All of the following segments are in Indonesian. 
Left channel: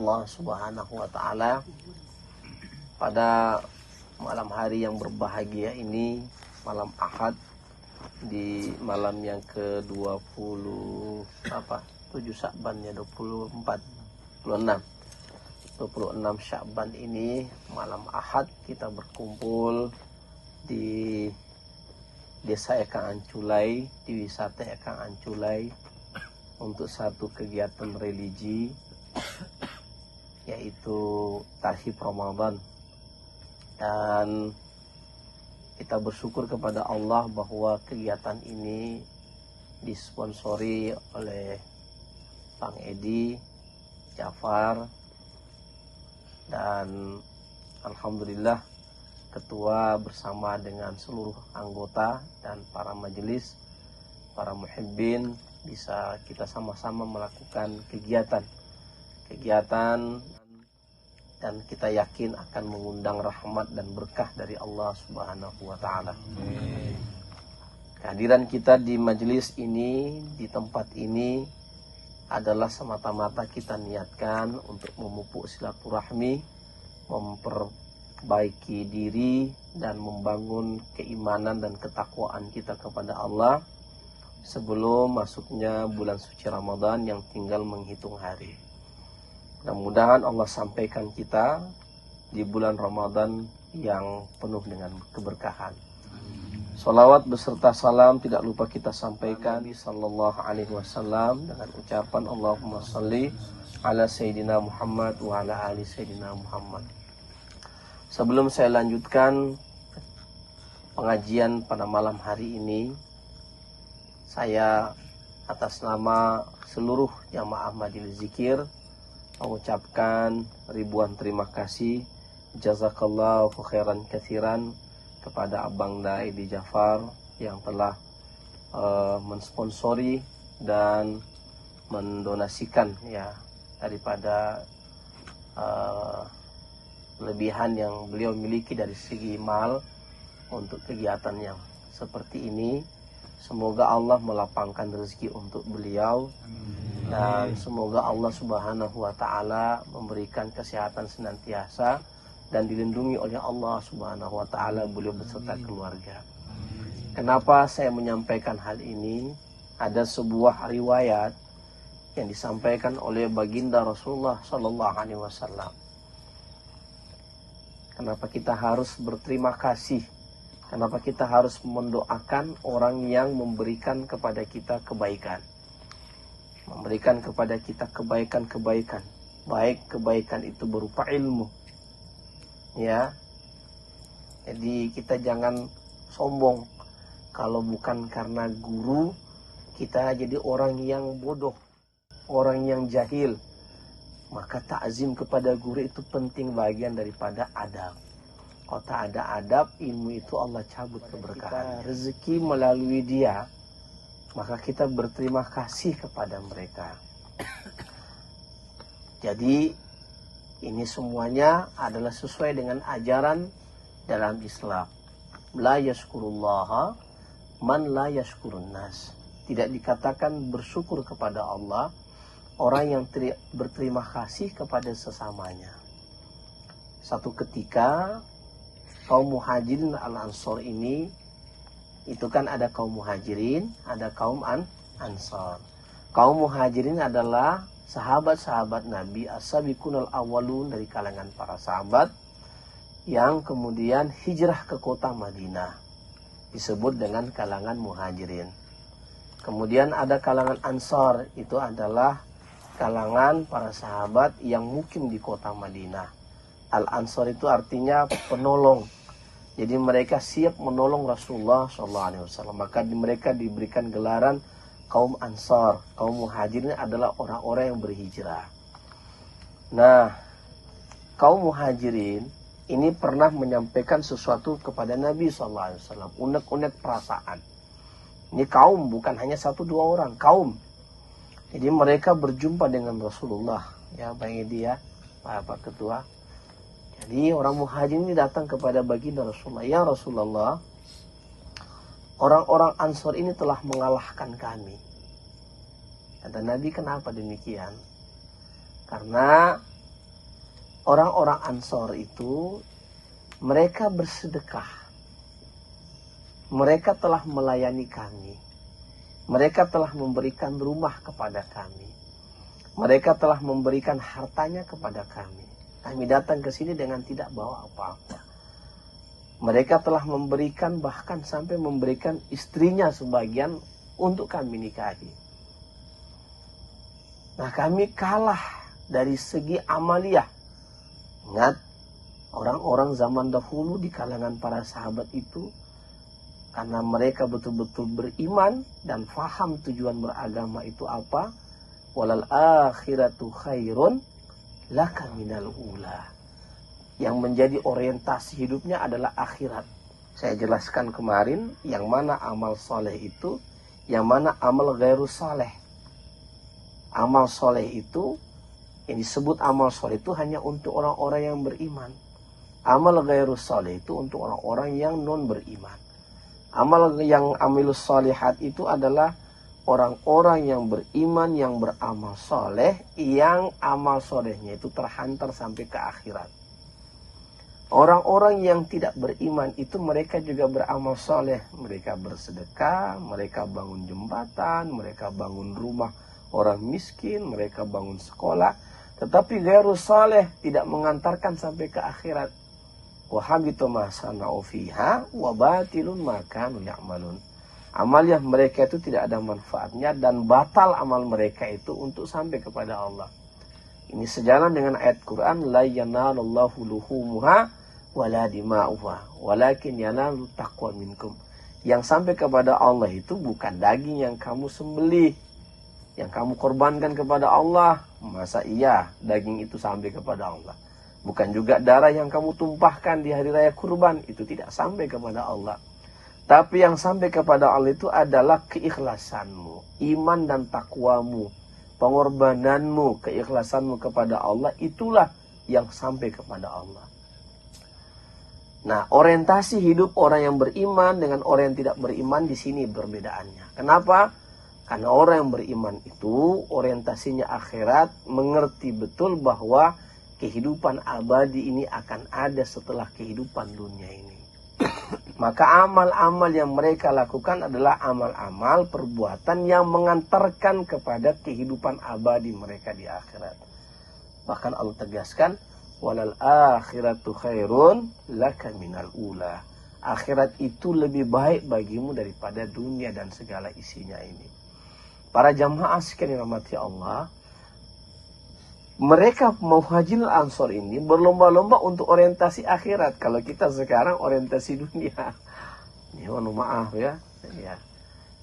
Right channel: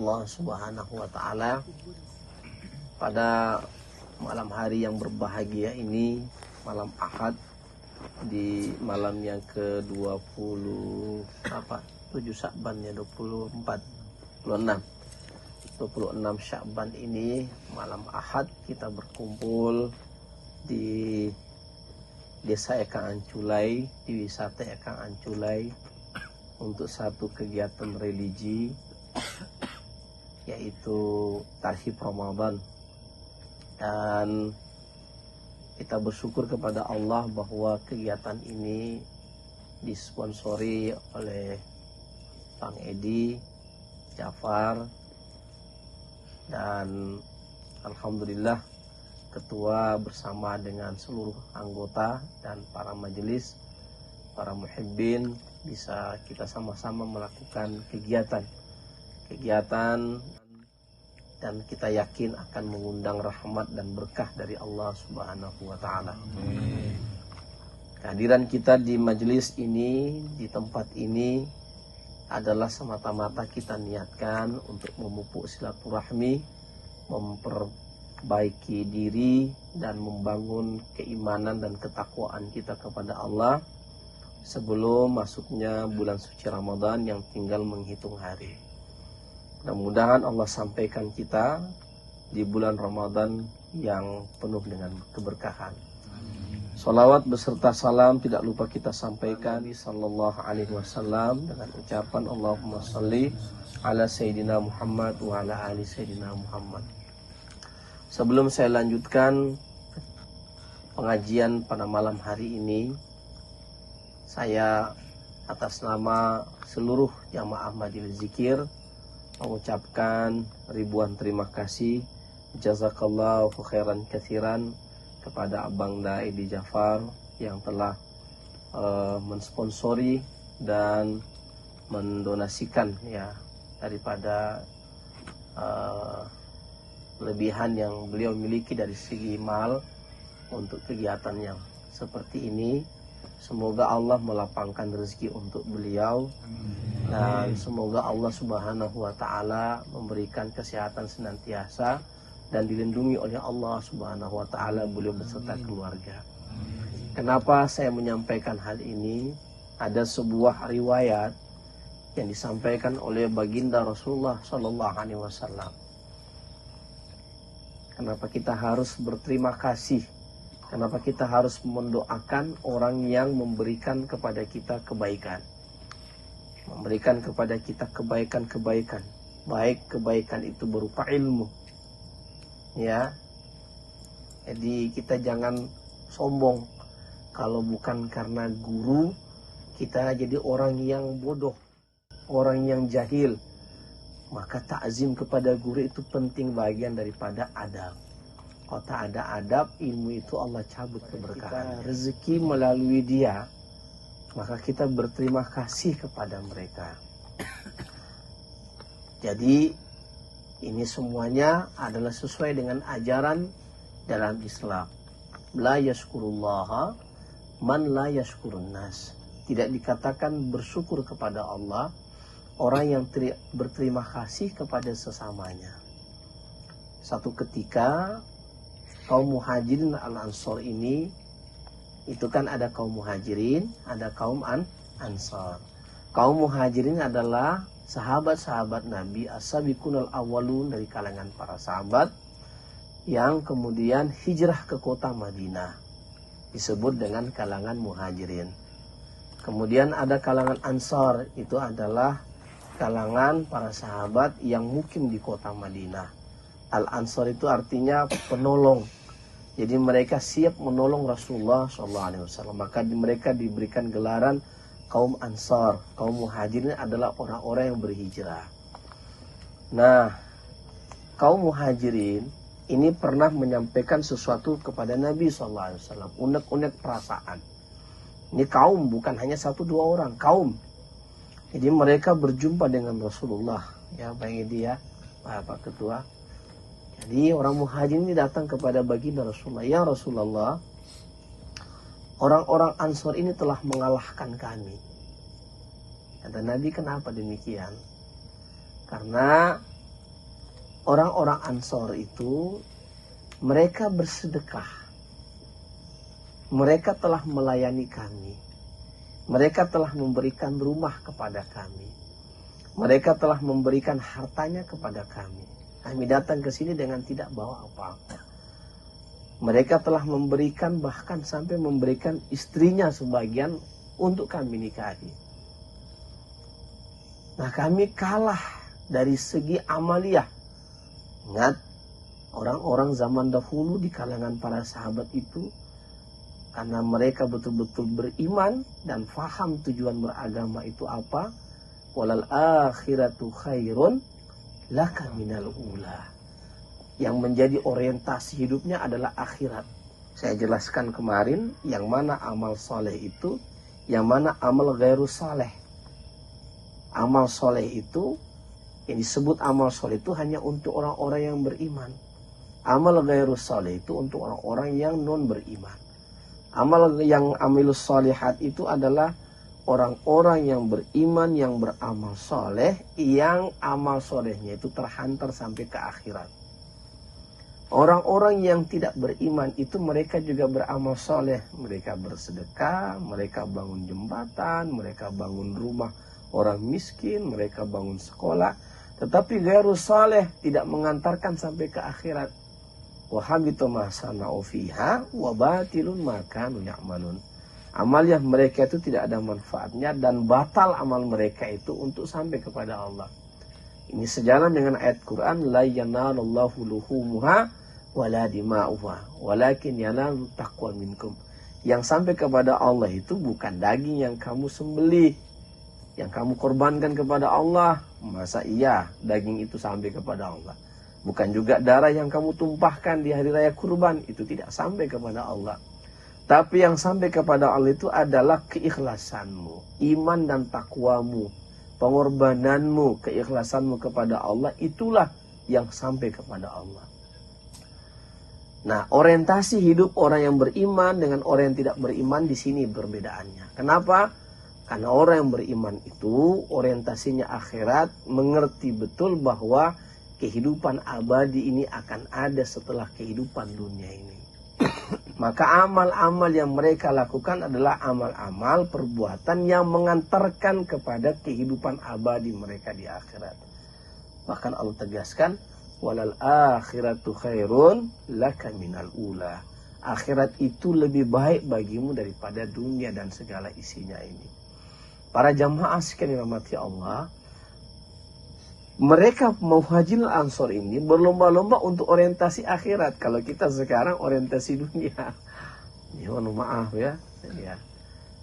Allah Subhanahu wa Ta'ala, pada malam hari yang berbahagia ini, malam Ahad, di malam yang ke-20 7 Sya'ban ya, 26 Sya'ban ini, malam Ahad, kita berkumpul di Desa Ekang Anculai, di wisata Ekang Anculai, untuk satu kegiatan religi, yaitu Tarhib Ramadan. Dan kita bersyukur kepada Allah bahwa kegiatan ini disponsori oleh Bang Edi, Jafar, dan alhamdulillah ketua bersama dengan seluruh anggota dan para majelis, para muhibbin, bisa kita sama-sama melakukan kegiatan dan kita yakin akan mengundang rahmat dan berkah dari Allah Subhanahu wa Ta'ala. Kehadiran kita di majelis ini, di tempat ini, adalah semata-mata kita niatkan untuk memupuk silaturahmi, memperbaiki diri, dan membangun keimanan dan ketakwaan kita kepada Allah sebelum masuknya bulan suci Ramadan yang tinggal menghitung hari. Mudah-mudahan Allah sampaikan kita di bulan Ramadan yang penuh dengan keberkahan. Salawat beserta salam tidak lupa kita sampaikan Nabi sallallahu alaihi wasallam dengan ucapan Allahumma salli ala Sayyidina Muhammad wa ala ali Sayyidina Muhammad. Sebelum saya lanjutkan pengajian pada malam hari ini, saya atas nama seluruh jamaah majelis zikir mengucapkan ribuan terima kasih, jazakallahu khairan katsiran, kepada Abang Edi Jafar yang telah mensponsori dan mendonasikan ya daripada lebihan yang beliau miliki dari segi mal untuk kegiatan yang seperti ini. Semoga Allah melapangkan rezeki untuk beliau, dan semoga Allah Subhanahu wa Ta'ala memberikan kesehatan senantiasa dan dilindungi oleh Allah Subhanahu wa Ta'ala beliau beserta keluarga. Kenapa saya menyampaikan hal ini? Ada sebuah riwayat yang disampaikan oleh baginda Rasulullah Sallallahu Alaihi Wasallam. Kenapa kita harus berterima kasih? Kenapa kita harus mendoakan orang yang memberikan kepada kita kebaikan? Memberikan kepada kita kebaikan-kebaikan. Baik kebaikan itu berupa ilmu. Ya. Jadi kita jangan sombong. Kalau bukan karena guru, kita jadi orang yang bodoh, orang yang jahil. Maka ta'zim kepada guru itu penting, bagian daripada adab. Kalau tak ada adab, ilmu itu Allah cabut keberkahan. Rezeki melalui dia, maka kita berterima kasih kepada mereka. Jadi ini semuanya adalah sesuai dengan ajaran dalam Islam. La yashkurullaha man la yashkurun nas. Tidak dikatakan bersyukur kepada Allah orang yang berterima kasih kepada sesamanya. Satu ketika kaum muhajirin al-ansar ini, itu kan ada kaum muhajirin, ada kaum ansar. Kaum muhajirin adalah sahabat-sahabat Nabi, as-sabiqunal awwalun, dari kalangan para sahabat yang kemudian hijrah ke kota Madinah, disebut dengan kalangan muhajirin. Kemudian ada kalangan ansar, itu adalah kalangan para sahabat yang mukim di kota Madinah. Al-ansar itu artinya penolong. Jadi mereka siap menolong Rasulullah SAW. Maka mereka diberikan gelaran kaum ansar. Kaum muhajirin adalah orang-orang yang berhijrah. Nah, kaum muhajirin ini pernah menyampaikan sesuatu kepada Nabi SAW. Unek-unek perasaan. Ini kaum, bukan hanya satu dua orang, kaum. Jadi mereka berjumpa dengan Rasulullah. Ya, Bang Edi ya, Pak Ketua. Jadi orang muhajirin ini datang kepada baginda Rasulullah. Ya Rasulullah, orang-orang Ansar ini telah mengalahkan kami. Kata Nabi, kenapa demikian? Karena orang-orang Ansor itu mereka bersedekah. Mereka telah melayani kami. Mereka telah memberikan rumah kepada kami. Mereka telah memberikan hartanya kepada kami. Kami datang ke sini dengan tidak bawa apa-apa. Mereka telah memberikan, bahkan sampai memberikan istrinya sebagian untuk kami nikahi. Nah, kami kalah dari segi amaliyah. Ingat, orang-orang zaman dahulu di kalangan para sahabat itu, karena mereka betul-betul beriman dan faham tujuan beragama itu apa, walal akhiratu khairun laka minal ula. Yang menjadi orientasi hidupnya adalah akhirat. Saya jelaskan kemarin, yang mana amal soleh itu, yang mana amal ghairu saleh. Amal soleh itu, yang disebut amal soleh itu hanya untuk orang-orang yang beriman. Amal ghairu saleh itu untuk orang-orang yang non beriman. Amal yang amilus salihat itu adalah orang-orang yang beriman, yang beramal soleh, yang amal solehnya itu terhantar sampai ke akhirat. Orang-orang yang tidak beriman itu mereka juga beramal soleh. Mereka bersedekah, mereka bangun jembatan, mereka bangun rumah orang miskin, mereka bangun sekolah. Tetapi ghairu saleh tidak mengantarkan sampai ke akhirat. Wa habitu ma sana'u fiha wa batilun ma kanu ya'malun. Amal yang mereka itu tidak ada manfaatnya dan batal amal mereka itu untuk sampai kepada Allah. Ini sejalan dengan ayat Quran, la yanalullahu luhumuha wala dima'uha walakin yanalu taqwa minkum. Yang sampai kepada Allah itu bukan daging yang kamu sembelih, yang kamu korbankan kepada Allah. Masa iya daging itu sampai kepada Allah? Bukan juga darah yang kamu tumpahkan di hari raya kurban, itu tidak sampai kepada Allah. Tapi yang sampai kepada Allah itu adalah keikhlasanmu, iman dan takwamu, pengorbananmu, keikhlasanmu kepada Allah, itulah yang sampai kepada Allah. Nah, orientasi hidup orang yang beriman dengan orang yang tidak beriman di sini perbedaannya. Kenapa? Karena orang yang beriman itu orientasinya akhirat, mengerti betul bahwa kehidupan abadi ini akan ada setelah kehidupan dunia ini. Maka amal-amal yang mereka lakukan adalah amal-amal perbuatan yang mengantarkan kepada kehidupan abadi mereka di akhirat. Bahkan Allah tegaskan, walal akhiratu khairun laka minal ula. Akhirat itu lebih baik bagimu daripada dunia dan segala isinya ini. Para jamaah sekalian dirahmati Allah, mereka Muhajirin Ansor ini berlomba-lomba untuk orientasi akhirat. Kalau kita sekarang orientasi dunia. Ya, maaf ya.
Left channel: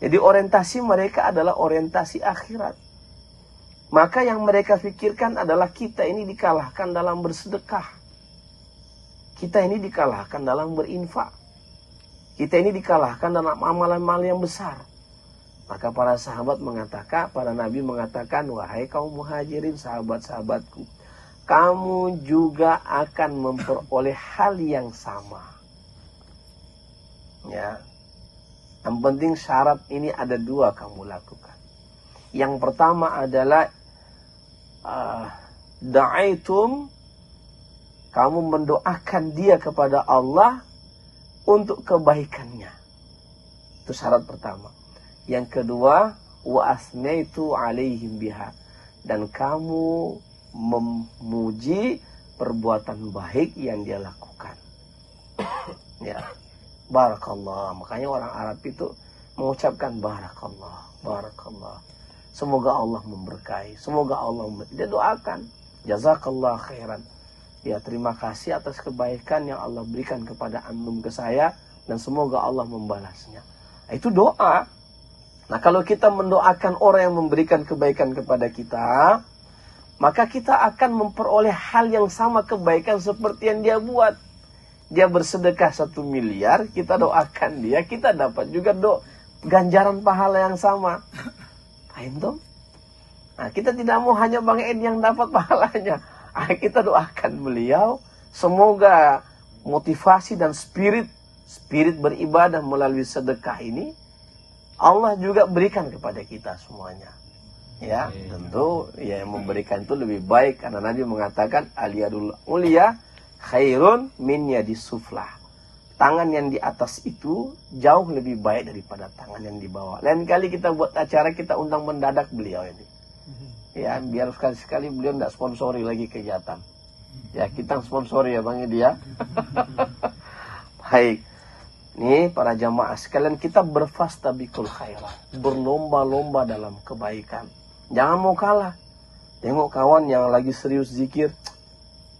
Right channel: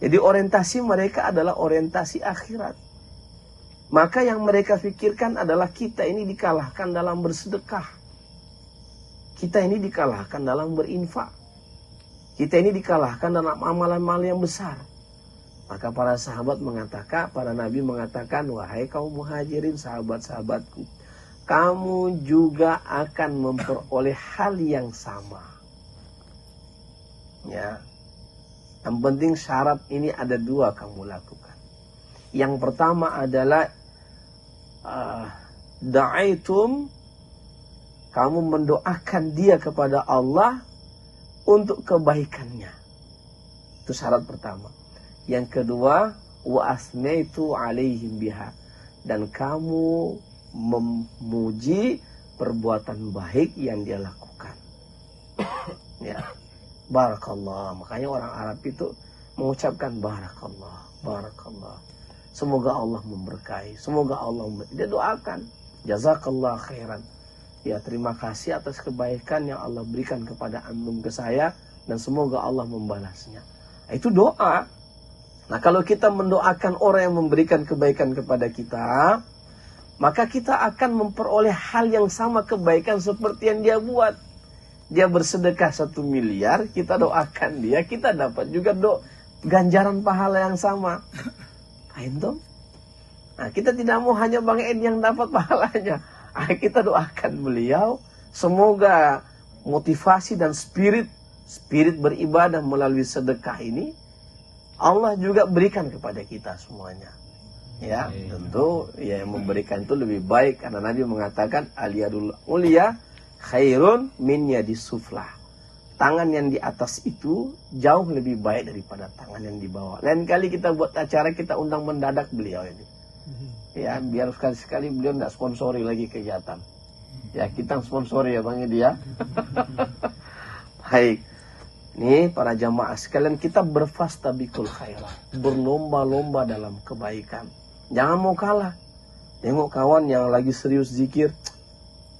Jadi orientasi mereka adalah orientasi akhirat. Maka yang mereka pikirkan adalah kita ini dikalahkan dalam bersedekah. Kita ini dikalahkan dalam berinfak. Kita ini dikalahkan dalam amalan-amalan yang besar. Maka para sahabat mengatakan, para nabi mengatakan, wahai kaum muhajirin, sahabat-sahabatku, kamu juga akan memperoleh hal yang sama. Ya. Yang penting syarat ini ada dua kamu lakukan. Yang pertama adalah da'aitum, kamu mendoakan dia kepada Allah untuk kebaikannya. Itu syarat pertama. Yang kedua, wa asnaitu alaihim biha, dan kamu memuji perbuatan baik yang dia lakukan. Ya. Barakallah. Makanya orang Arab itu mengucapkan barakallah, barakallah. Semoga Allah memberkahi, semoga Allah dia doakan, jazakallah khairan. Ya, terima kasih atas kebaikan yang Allah berikan kepada antum ke saya, dan semoga Allah membalasnya. Nah, itu doa. Nah, kalau kita mendoakan orang yang memberikan kebaikan kepada kita, maka kita akan memperoleh hal yang sama, kebaikan seperti yang dia buat. Dia bersedekah 1 miliar, kita doakan dia, kita dapat juga ganjaran pahala yang sama. Nah, kita tidak mau hanya Bang Ed yang dapat pahalanya. Nah, kita doakan beliau, semoga motivasi dan spirit beribadah melalui sedekah ini Allah juga berikan kepada kita semuanya. Ya, tentu ya yang memberikan itu lebih baik karena Nabi mengatakan aliyadul ulia khairun min yadis suflah. Tangan yang di atas itu jauh lebih baik daripada tangan yang di bawah. Lain kali kita buat acara, kita undang mendadak beliau ini. Ya, biar sekali-sekali beliau nggak sponsori lagi kegiatan. Ya, kita sponsori ya Bang Edi ya. Baik. Nih para jamaah sekalian, kita berfastabikul khairat. Berlomba-lomba dalam kebaikan. Jangan mau kalah. Tengok kawan yang lagi serius zikir.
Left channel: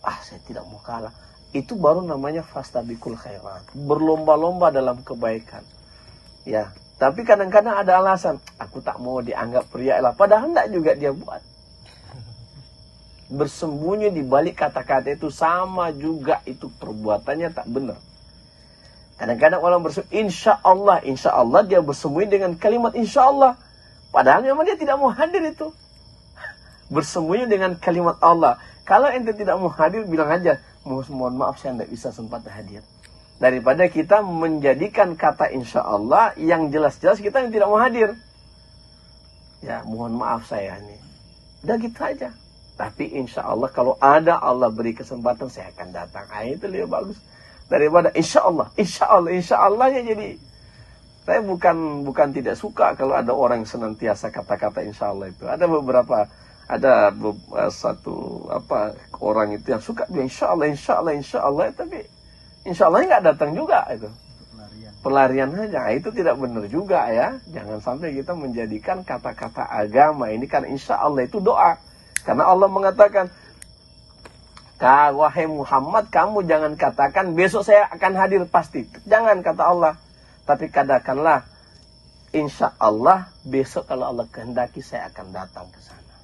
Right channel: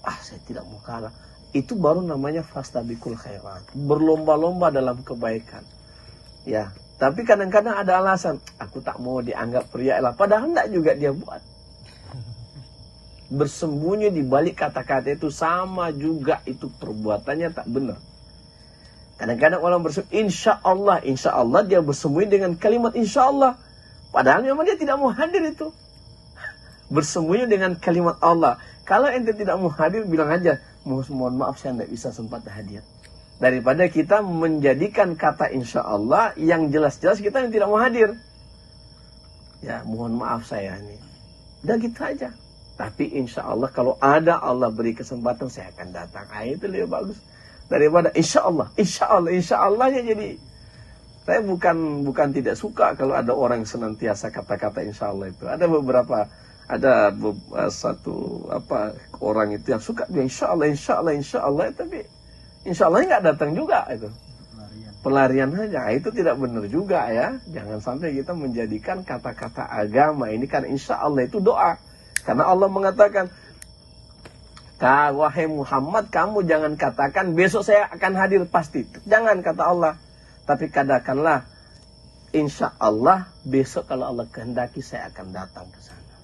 Saya tidak mau kalah. Itu baru namanya fastabikul khairat. Berlomba-lomba dalam kebaikan. Ya, tapi kadang-kadang ada alasan. Aku tak mau dianggap pria lah. Padahal enggak juga dia buat. Bersembunyi di balik kata-kata itu sama juga itu perbuatannya tak benar. Kadang-kadang orang bersembunyi insya Allah dia bersembunyi dengan kalimat insya Allah. Padahal memang dia tidak mau hadir itu. Bersembunyi dengan kalimat Allah. Kalau ente tidak mau hadir, bilang aja, mohon maaf saya tidak bisa sempat hadir. Daripada kita menjadikan kata insya Allah yang jelas-jelas kita yang tidak mau hadir. Ya, mohon maaf saya ini. Udah gitu aja. Tapi insya Allah kalau ada Allah beri kesempatan saya akan datang. Itu lebih bagus. Daripada insya Allahnya jadi. Saya bukan tidak suka kalau ada orang yang senantiasa kata-kata insya Allah itu. Ada satu orang itu yang suka bilang insya Allah, tapi insya Allah nggak datang juga itu. Pelarian aja, itu tidak benar juga ya. Jangan sampai kita menjadikan kata-kata agama ini kan insya Allah itu doa. Karena Allah mengatakan, wahai Muhammad, kamu jangan katakan besok saya akan hadir pasti. Jangan kata Allah. Tapi katakanlah, insya Allah besok kalau Allah kehendaki saya akan datang ke sana.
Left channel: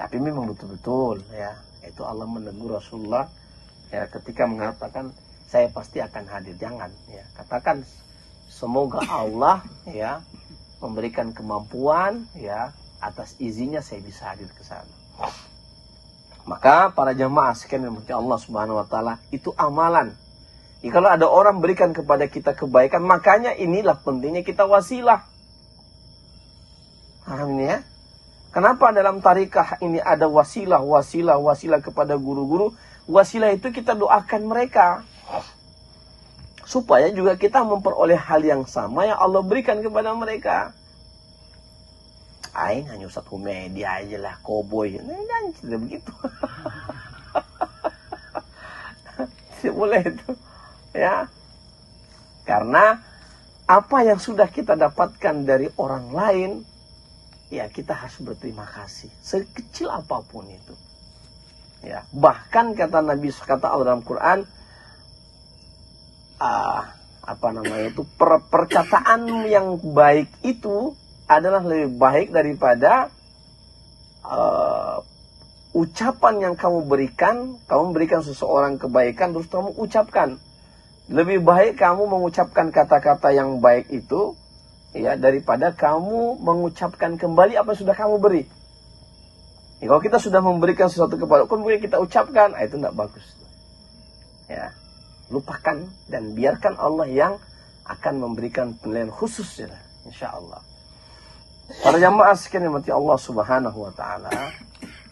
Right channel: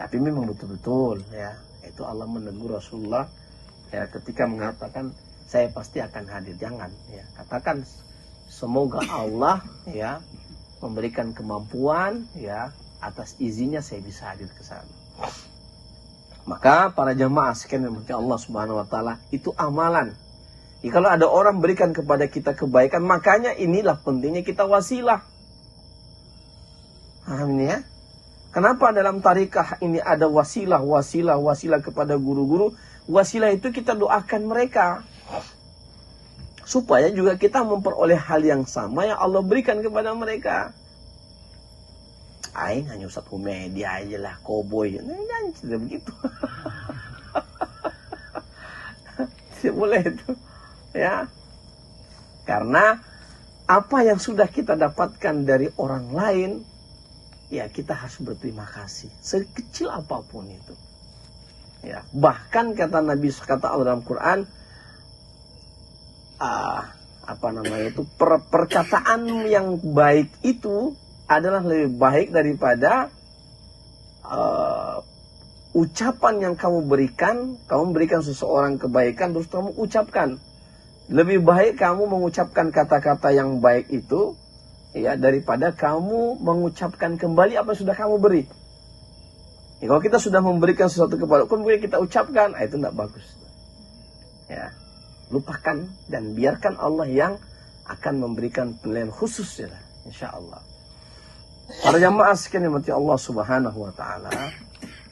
Tapi memang betul-betul ya, itu Allah menegur Rasulullah ya ketika mengatakan saya pasti akan hadir. Jangan ya, katakan semoga Allah ya memberikan kemampuan ya atas izinnya saya bisa hadir ke sana. Maka para jamaah sekalian yang Allah Subhanahu wa taala, itu amalan. Kalau ada orang berikan kepada kita kebaikan, makanya inilah pentingnya kita wasilah. Paham ini ya? Kenapa dalam tarikah ini ada wasilah kepada guru-guru? Wasilah itu kita doakan mereka. Supaya juga kita memperoleh hal yang sama yang Allah berikan kepada mereka. Hanya Ustaz Humedi aja lah, koboi. Jangan tidak begitu. Tidak boleh itu. Ya. Karena apa yang sudah kita dapatkan dari orang lain, ya kita harus berterima kasih sekecil apapun itu. Ya, bahkan kata Nabi, kata Allah dalam Quran, perkataan yang baik itu adalah lebih baik daripada ucapan yang kamu berikan seseorang kebaikan terus kamu ucapkan. Lebih baik kamu mengucapkan kata-kata yang baik itu ya daripada kamu mengucapkan kembali apa yang sudah kamu beri. Ya, kalau kita sudah memberikan sesuatu kepada kemudian kita ucapkan, itu tidak bagus. Ya, lupakan dan biarkan Allah yang akan memberikan penilaian khusus ya, insya Allah. Para jamaah sekalian yang Allah Subhanahu wa taala,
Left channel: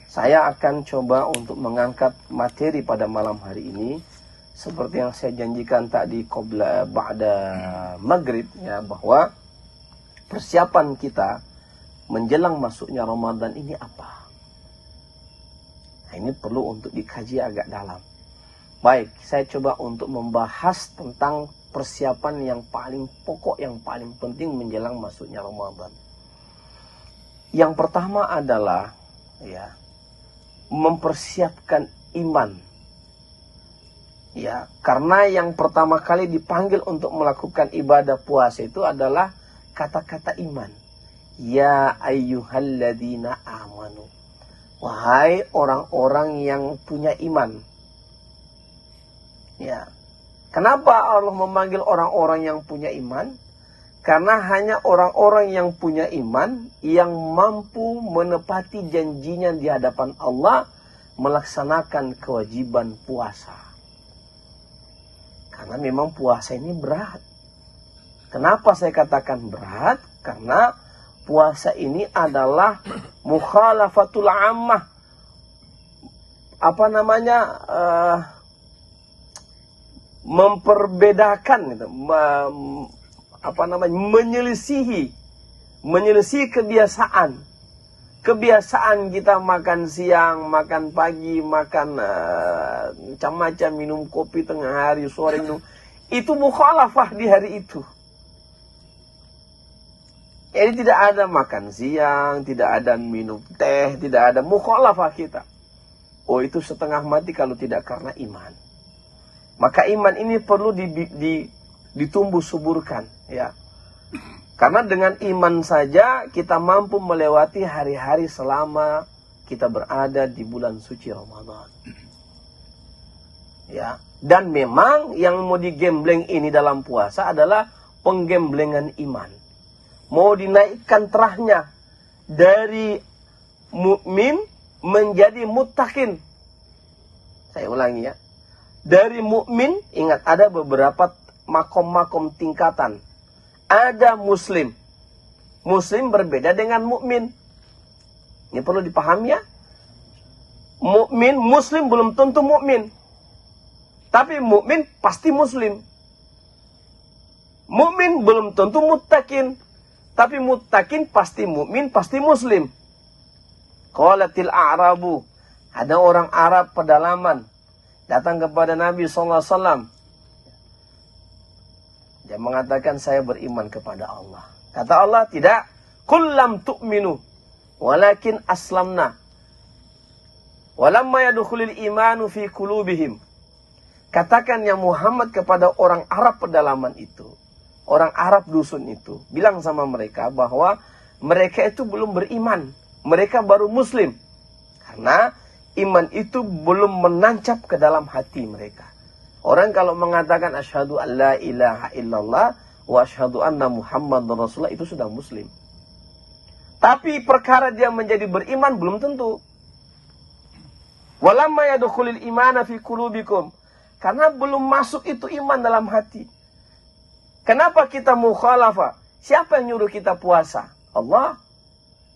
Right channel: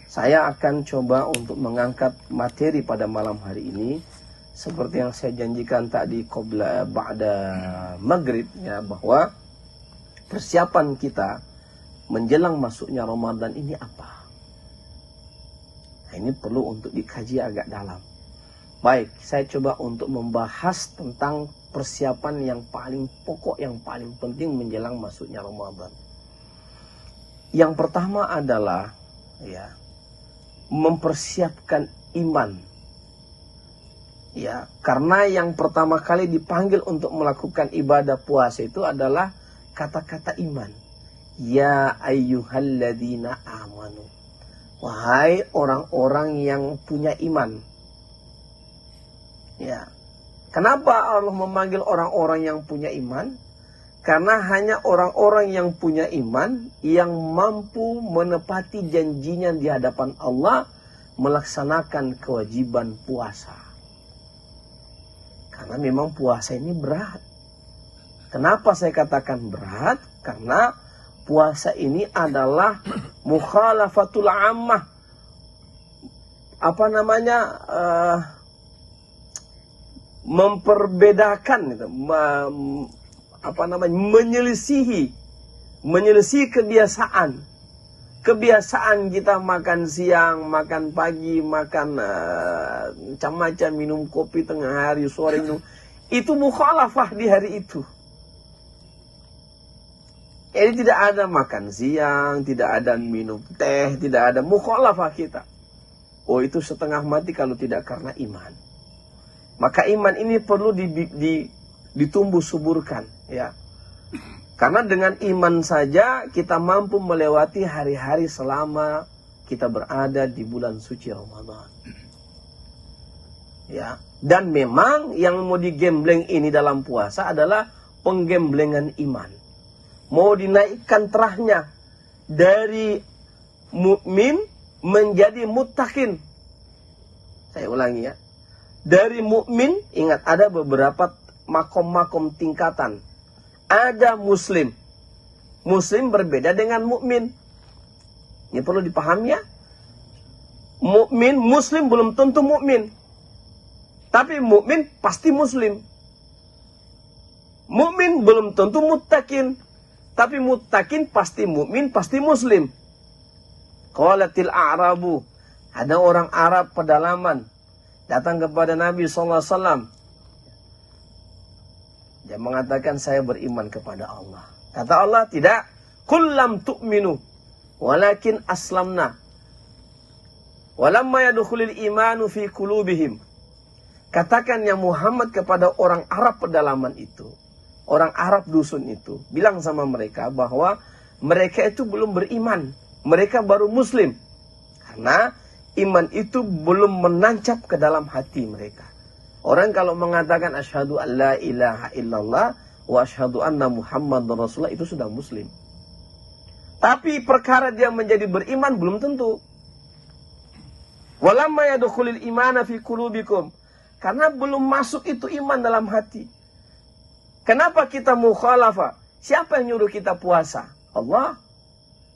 saya akan coba untuk mengangkat materi pada malam hari ini seperti yang saya janjikan tadi ba'da maghrib ya, bahwa persiapan kita menjelang masuknya Ramadan ini apa? Nah, ini perlu untuk dikaji agak dalam. Baik, saya coba untuk membahas tentang persiapan yang paling pokok, yang paling penting menjelang masuknya Ramadan. Yang pertama adalah ya, mempersiapkan iman. Ya, karena yang pertama kali dipanggil untuk melakukan ibadah puasa itu adalah kata-kata iman. Ya ayyuhalladzina amanu. Wahai orang-orang yang punya iman. Ya. Kenapa Allah memanggil orang-orang yang punya iman? Karena hanya orang-orang yang punya iman yang mampu menepati janjinya di hadapan Allah melaksanakan kewajiban puasa. Karena memang puasa ini berat. Kenapa saya katakan berat? Karena puasa ini adalah mukhalafatul ammah. Memperbedakan gitu. Menyelisihi kebiasaan kita makan siang, makan pagi, makan macam-macam, minum kopi tengah hari, sore minum. Itu mukhalafah di hari itu. Jadi tidak ada makan siang, tidak ada minum teh, tidak ada mukhalafah kita. Oh, itu setengah mati kalau tidak karena iman. Maka iman ini perlu ditumbuh suburkan, ya. Karena dengan iman saja kita mampu melewati hari-hari selama kita berada di bulan suci Ramadan. Ya, dan memang yang mau digembleng ini dalam puasa adalah penggemblengan iman. Mau dinaikkan terahnya dari mukmin menjadi muttaqin. Saya ulangi ya. Dari mukmin, ingat ada beberapa makom-makom tingkatan. Ada muslim. Muslim berbeda dengan mukmin. Ini perlu dipahami ya. Mukmin, muslim belum tentu mukmin. Tapi mukmin pasti muslim. Mukmin belum tentu muttaqin. Tapi muttaqin pasti mukmin, pasti muslim. Qalatil a'rabu. Ada orang Arab pedalaman datang kepada Nabi SAW. Dia mengatakan, saya beriman kepada Allah. Kata Allah, tidak. Kullam tu'minu, walakin aslamna. Walamma yadukhulil imanu fi kulubihim. Katakan ya Muhammad kepada orang Arab pedalaman itu. Orang Arab dusun itu. Bilang sama mereka bahwa mereka itu belum beriman. Mereka baru muslim. Karena iman itu belum menancap ke dalam hati mereka. Orang kalau mengatakan asyhadu an la ilaha illallah wa asyhadu anna Muhammadar Rasulullah itu sudah muslim. Tapi perkara dia menjadi beriman belum tentu. Walamma yadkhulul imana fi qulubikum. Karena belum masuk itu iman dalam hati. Kenapa kita mukhalafah? Siapa yang nyuruh kita puasa? Allah.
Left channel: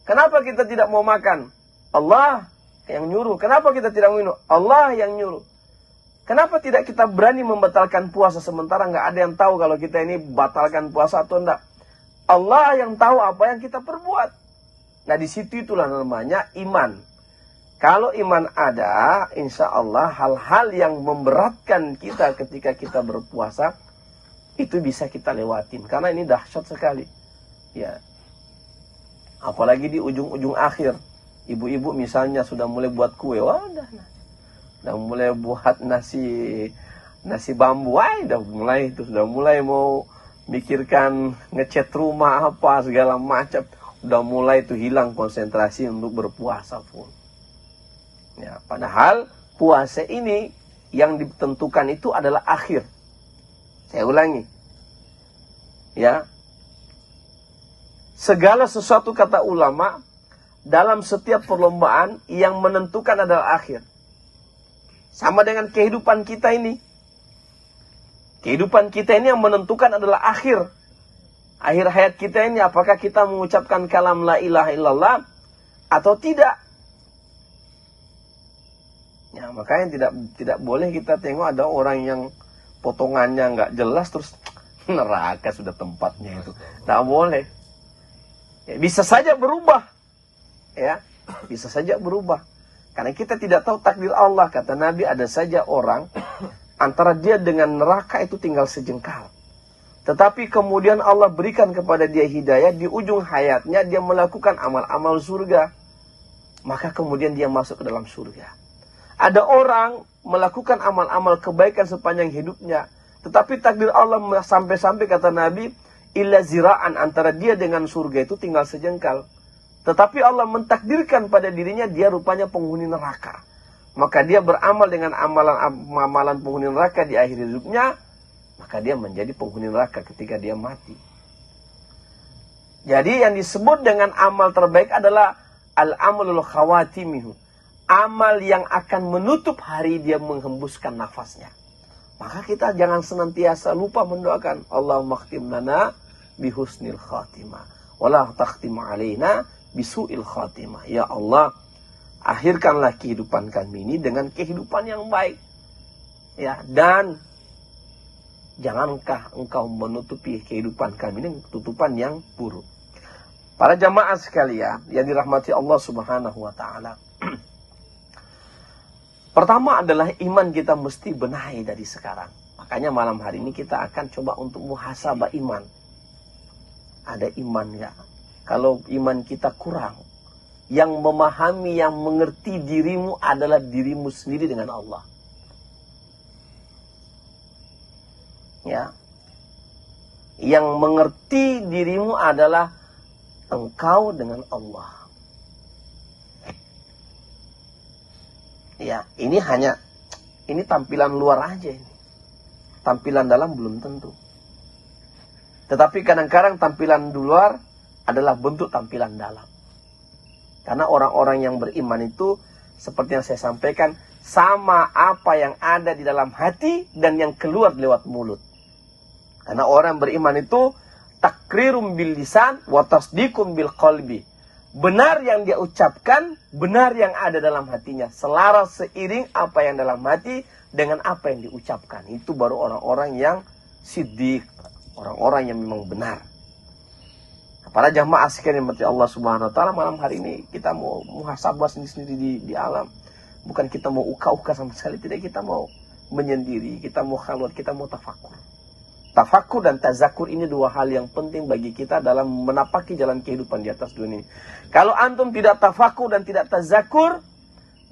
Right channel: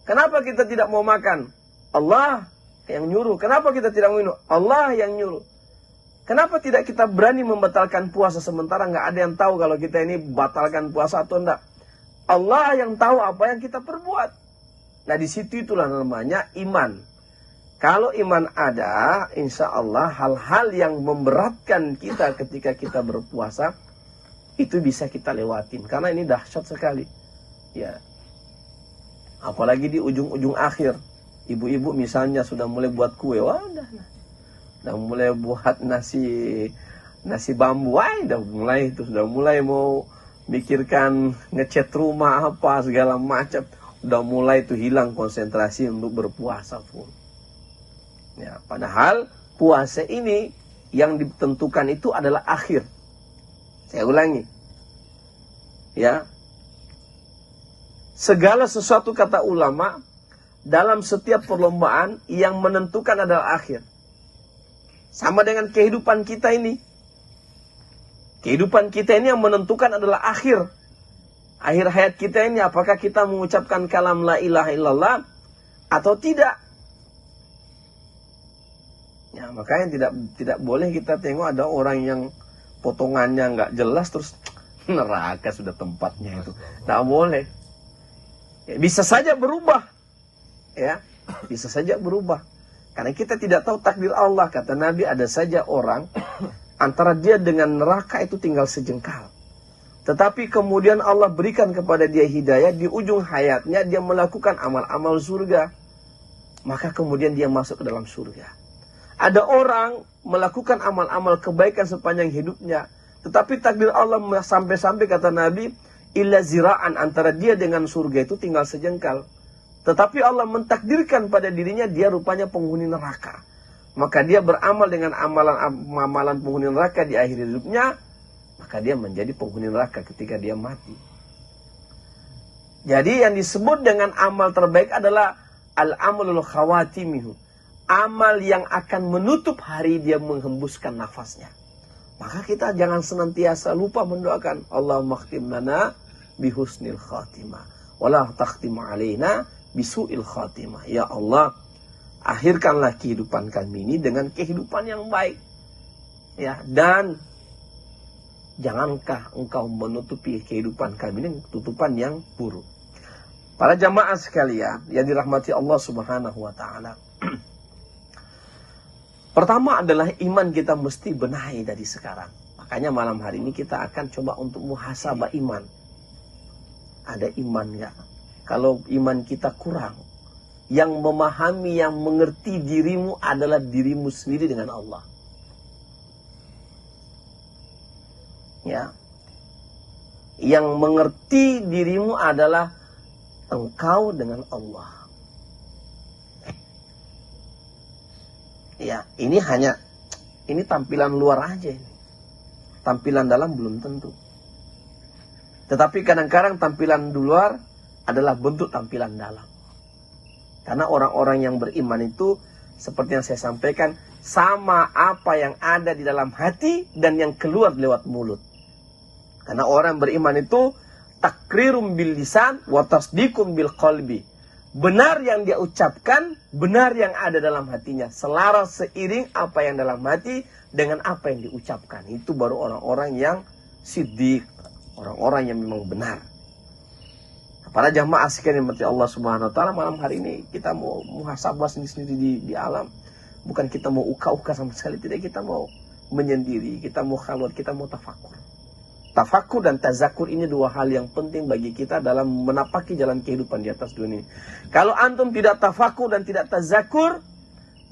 Kenapa kita tidak mau makan? Allah yang nyuruh. Kenapa kita tidak minum? Allah yang nyuruh. Kenapa tidak kita berani membatalkan puasa sementara nggak ada yang tahu kalau kita ini batalkan puasa atau enggak? Allah yang tahu apa yang kita perbuat. Nah di situ itulah namanya iman. Kalau iman ada, insya Allah hal-hal yang memberatkan kita ketika kita berpuasa itu bisa kita lewatin. Karena ini dahsyat sekali. Ya. Apalagi di ujung-ujung akhir. Ibu-ibu misalnya sudah mulai buat kue, wadah. Sudah mulai buat nasi bambu, sudah mulai mau mikirkan ngecat rumah apa segala macam. Sudah mulai itu hilang konsentrasi untuk berpuasa pun. Ya, padahal puasa ini yang ditentukan itu adalah akhir. Saya ulangi. Ya. Segala sesuatu kata ulama dalam setiap perlombaan yang menentukan adalah akhir. Sama dengan kehidupan kita ini. Kehidupan kita ini yang menentukan adalah akhir. Akhir hayat kita ini apakah kita mengucapkan kalam la ilaha illallah atau tidak. Ya, makanya tidak boleh kita tengok ada orang yang potongannya nggak jelas terus neraka sudah tempatnya itu. Tidak boleh. Ya, bisa saja berubah. Ya, bisa saja berubah. Karena kita tidak tahu takdir Allah. Kata Nabi, ada saja orang antara dia dengan neraka itu tinggal sejengkal. Tetapi kemudian Allah berikan kepada dia hidayah. Di ujung hayatnya dia melakukan amal-amal surga. Maka kemudian dia masuk ke dalam surga. Ada orang melakukan amal-amal kebaikan sepanjang hidupnya. Tetapi takdir Allah sampai-sampai kata Nabi, illa zira'an, antara dia dengan surga itu tinggal sejengkal. Tetapi Allah mentakdirkan pada dirinya dia rupanya penghuni neraka. Maka dia beramal dengan amalan penghuni neraka di akhir hidupnya. Maka dia menjadi penghuni neraka ketika dia mati. Jadi yang disebut dengan amal terbaik adalah al-amalul khawatimihu. Amal yang akan menutup hari dia menghembuskan nafasnya. Maka kita jangan senantiasa lupa mendoakan Allahumma khtim lana bihusnil khatimah. wala takhtim alaina bisu'il khatimah. Ya Allah, akhirkanlah kehidupan kami ini dengan kehidupan yang baik. Ya, dan jangankah engkau menutupi kehidupan kami dengan tutupan yang buruk. Para jamaah sekalian yang dirahmati Allah Subhanahu wa taala. Pertama adalah iman kita mesti benahi dari sekarang. Makanya malam hari ini kita akan coba untuk muhasabah iman. Ada iman nggak? Kalau iman kita kurang, yang memahami, yang mengerti dirimu adalah dirimu sendiri dengan Allah. Ya, yang mengerti dirimu adalah engkau dengan Allah. Ya, ini tampilan luar aja ini. Tampilan dalam belum tentu. Tetapi kadang-kadang tampilan luar adalah bentuk tampilan dalam. Karena orang-orang yang beriman itu, seperti yang saya sampaikan, sama apa yang ada di dalam hati dan yang keluar lewat mulut. Karena orang beriman itu takrirum bil lisan wa tasdiqum bil qalbi. Benar yang dia ucapkan, benar yang ada dalam hatinya. Selaras seiring apa yang dalam hati dengan apa yang diucapkan. Itu baru orang-orang yang siddiq, orang-orang yang memang benar. Para jamaah sekalian yang Allah Subhanahu wa taala, malam hari ini kita mau muhasabah sendiri-sendiri di alam. Bukan kita mau uka-uka sama sekali, tidak, kita mau menyendiri, kita mau khalwat, kita mau tafakur. Tafakur dan tazakur ini dua hal yang penting bagi kita dalam menapaki jalan kehidupan di atas dunia. Kalau antum tidak tafakur dan tidak tazakur,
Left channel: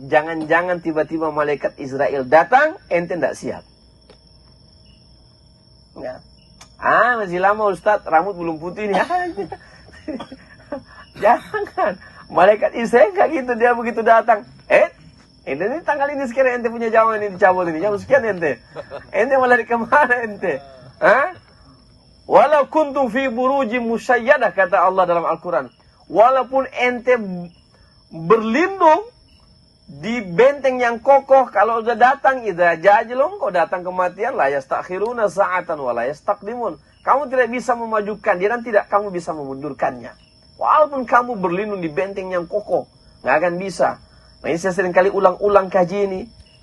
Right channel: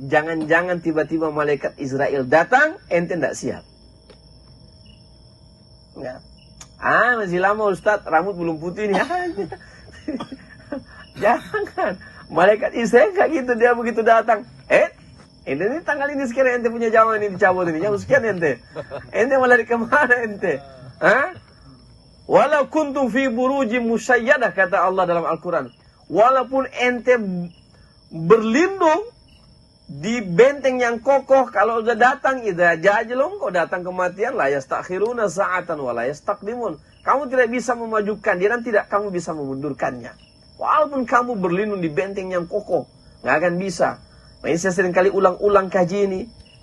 jangan-jangan tiba-tiba malaikat Israel datang, ente tidak siap. Ya. Masih lama Ustaz, rambut belum putih nih. Jangan. Malaikat Israel kayak gitu, dia begitu datang. Ini tanggal ini sekian ente punya jam ini dicabut ini. Jam sekian ente. Ente mau lari kemana ente? Walau kuntum fi burujim musayyadah, kata Allah dalam Al-Quran. Walaupun ente berlindung di benteng yang kokoh, kalau udah datang idza jajalum, kau datang kematian, la yastakhiruna sa'atan wa la yastaqdimun. Kamu tidak bisa memajukan dia, dan tidak kamu bisa memundurkannya. Walaupun kamu berlindung di benteng yang kokoh, nggak akan bisa. Nah, saya sering kali ulang-ulang kaji ini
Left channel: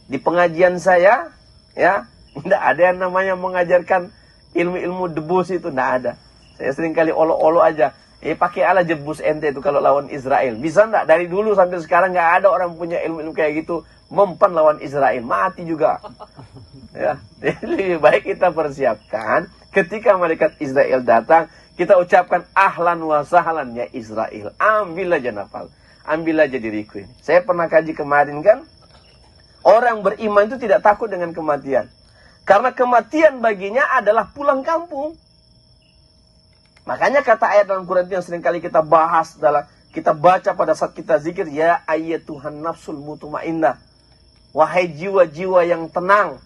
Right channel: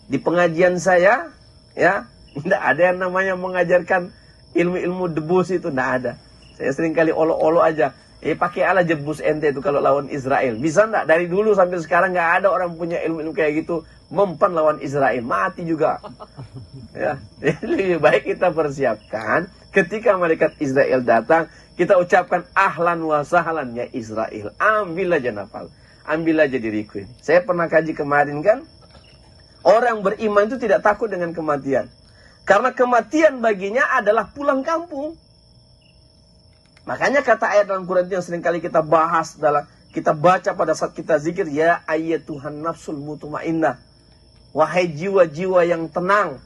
di pengajian saya, ya, tidak ada yang namanya mengajarkan ilmu-ilmu debus itu, tidak ada. Saya sering kali olo-olo aja. Pakai ala jebus ente itu kalau lawan Israel. Bisa enggak? Dari dulu sampai sekarang nggak ada orang punya ilmu-ilmu kayak gitu mempan lawan Israel, mati juga. Ya, lebih baik kita persiapkan ketika malaikat Israel datang, kita ucapkan ahlan wa sahlan ya Israel. Ambil aja nafal, ambil aja diriku ini. Saya pernah kaji kemarin kan, orang beriman itu tidak takut dengan kematian. Karena kematian baginya adalah pulang kampung. Makanya kata ayat dalam Quran yang sering kali kita bahas, kita baca pada saat kita zikir, ya ayyatuhan nafsul mutmainnah, wahai jiwa-jiwa yang tenang.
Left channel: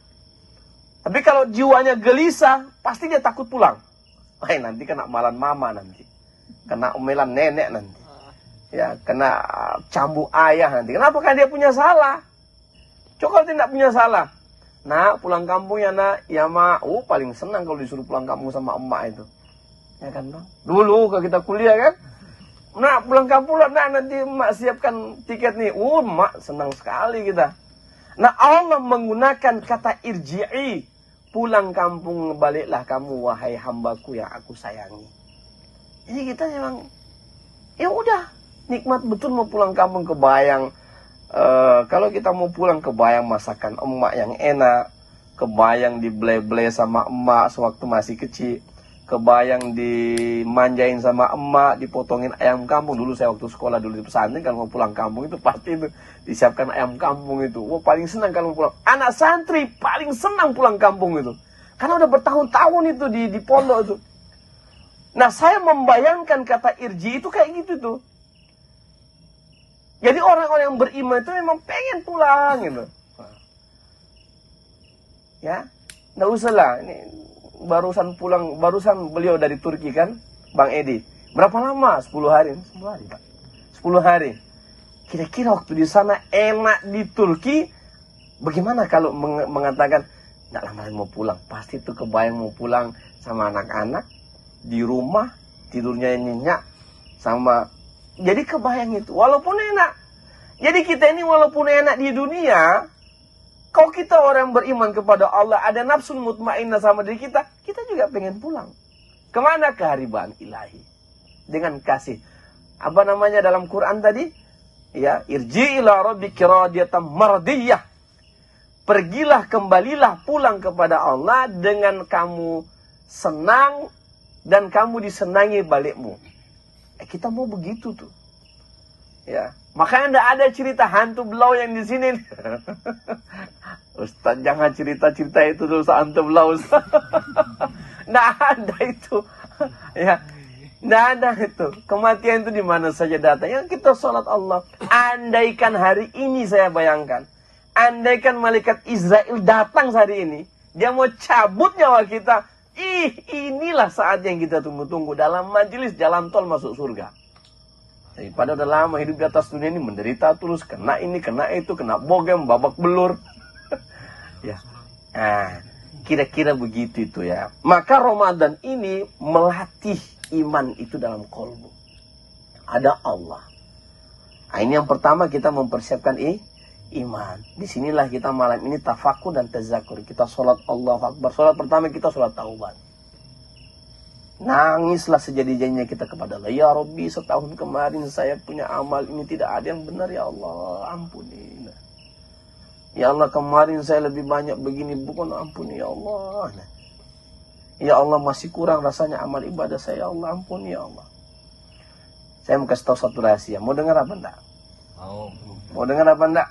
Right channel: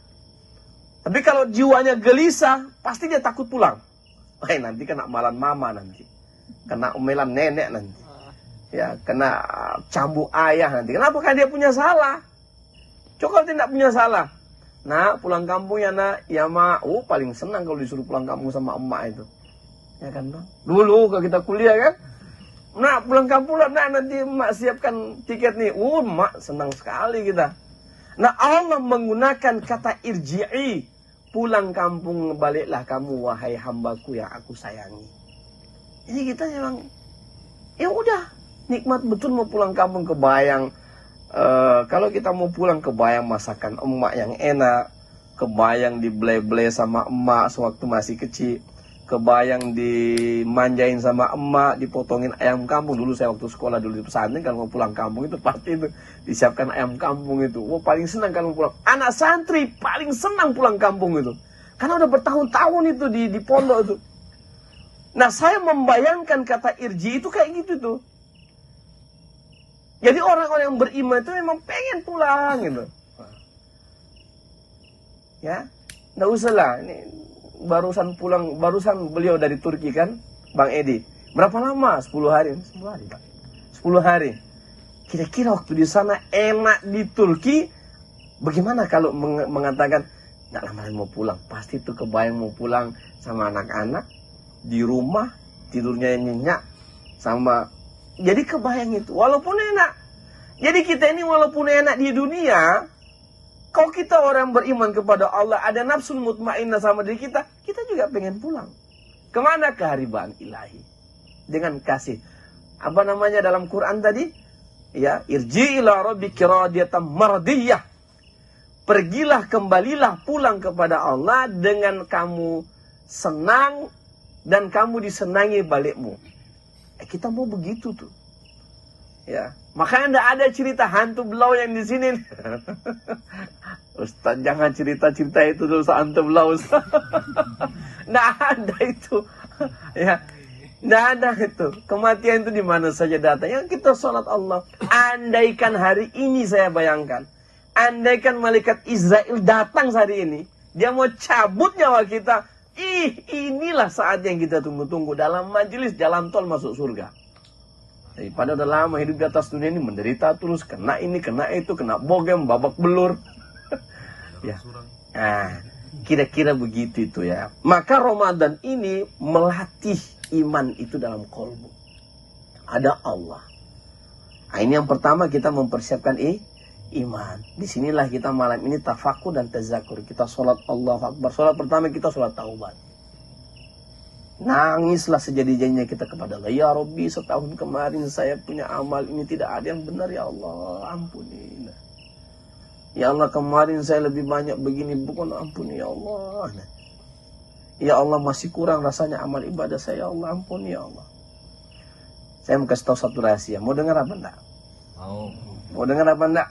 Tapi kalau jiwanya gelisah, pasti dia takut pulang. Nanti kena amalan mama nanti, kena omelan nenek nanti, ya, kena cambuk ayah nanti. Kenapa? Kan dia punya salah. Coba tidak punya salah. Nah, pulang kampung ya nak, ya mak. Paling senang kalau disuruh pulang kampung sama emak itu. Ya kan, Bang? Dulu kalau kita kuliah kan, nah pulang kampung lah, nah nanti emak siapkan tiket nih. Emak senang sekali kita. Nah, Allah menggunakan kata irji'i, pulang kampung, baliklah kamu wahai hambaku yang aku sayangi. Ini kita memang, ya udah, nikmat betul mau pulang kampung, kebayang. Kalau kita mau pulang, kebayang masakan emak yang enak, kebayang dible-ble sama emak sewaktu masih kecil, kebayang dimanjain sama emak, dipotongin ayam kampung. Dulu saya waktu sekolah dulu di pesantren, kalau mau pulang kampung itu pasti itu disiapkan ayam kampung itu. Paling senang kalau pulang. Anak santri paling senang pulang kampung itu, karena udah bertahun-tahun itu di pondok itu. Nah, saya membayangkan kata irji itu kayak gitu tuh. Jadi orang-orang yang beriman itu memang pengen pulang gitu. Ya, nggak usah lah. Ini barusan pulang, barusan beliau dari Turki kan, Bang Edi. Berapa lama? 10 hari. 10 hari kan? 10 hari. Kira-kira waktu di sana enak di Turki, bagaimana kalau mengatakan, nggak lama mau pulang. Pasti tuh kebayang mau pulang sama anak-anak, di rumah, tidurnya nyenyak, sama. Jadi kebayang itu, walaupun enak. Jadi kita ini walaupun enak di dunia, kalau kita orang beriman kepada Allah, ada nafsu mutmainnah sama diri kita, kita juga pengen pulang. Kemana? Keharibaan ilahi. Dengan kasih. Apa namanya dalam Quran tadi? Ya, irji ila rabbika radiyatan mardiyah. Pergilah, kembalilah, pulang kepada Allah dengan kamu senang dan kamu disenangi balikmu. Kita mau begitu tuh. Ya, makanya enggak ada cerita hantu belau yang di sini. Ustaz, jangan cerita-cerita itu terus hantu belau, Ustaz. Nggak ada itu. Ya, nggak ada itu. Kematian itu di mana saja datang. Yang kita sholat Allah. Andaikan hari ini saya bayangkan. Andaikan malaikat Israel datang hari ini. Dia mau cabut nyawa kita. Inilah saat yang kita tunggu-tunggu. Dalam majelis jalan tol masuk surga. Daripada udah lama hidup di atas dunia ini menderita terus. Kena ini, kena itu, kena bogem, babak belur. Ya. Nah, kira-kira begitu itu ya. Maka Ramadan ini melatih iman itu dalam kolbu. Ada Allah. Nah, ini yang pertama kita mempersiapkan iman. Disinilah kita malam ini tafakur dan tazakur. Kita sholat Allahu Akbar. Sholat pertama kita sholat taubat. Nangislah sejadi-jadinya kita kepada Allah. Ya Rabbi, setahun kemarin saya punya amal ini tidak ada yang benar, ya Allah, ampuni. Ya Allah, kemarin saya lebih banyak begini, bukan, ampuni ya Allah. Ya Allah, masih kurang rasanya amal ibadah saya, ya Allah, ampuni ya Allah. Saya mau kasih tahu satu rahasia. Mau dengar apa enggak? Mau dengar apa enggak?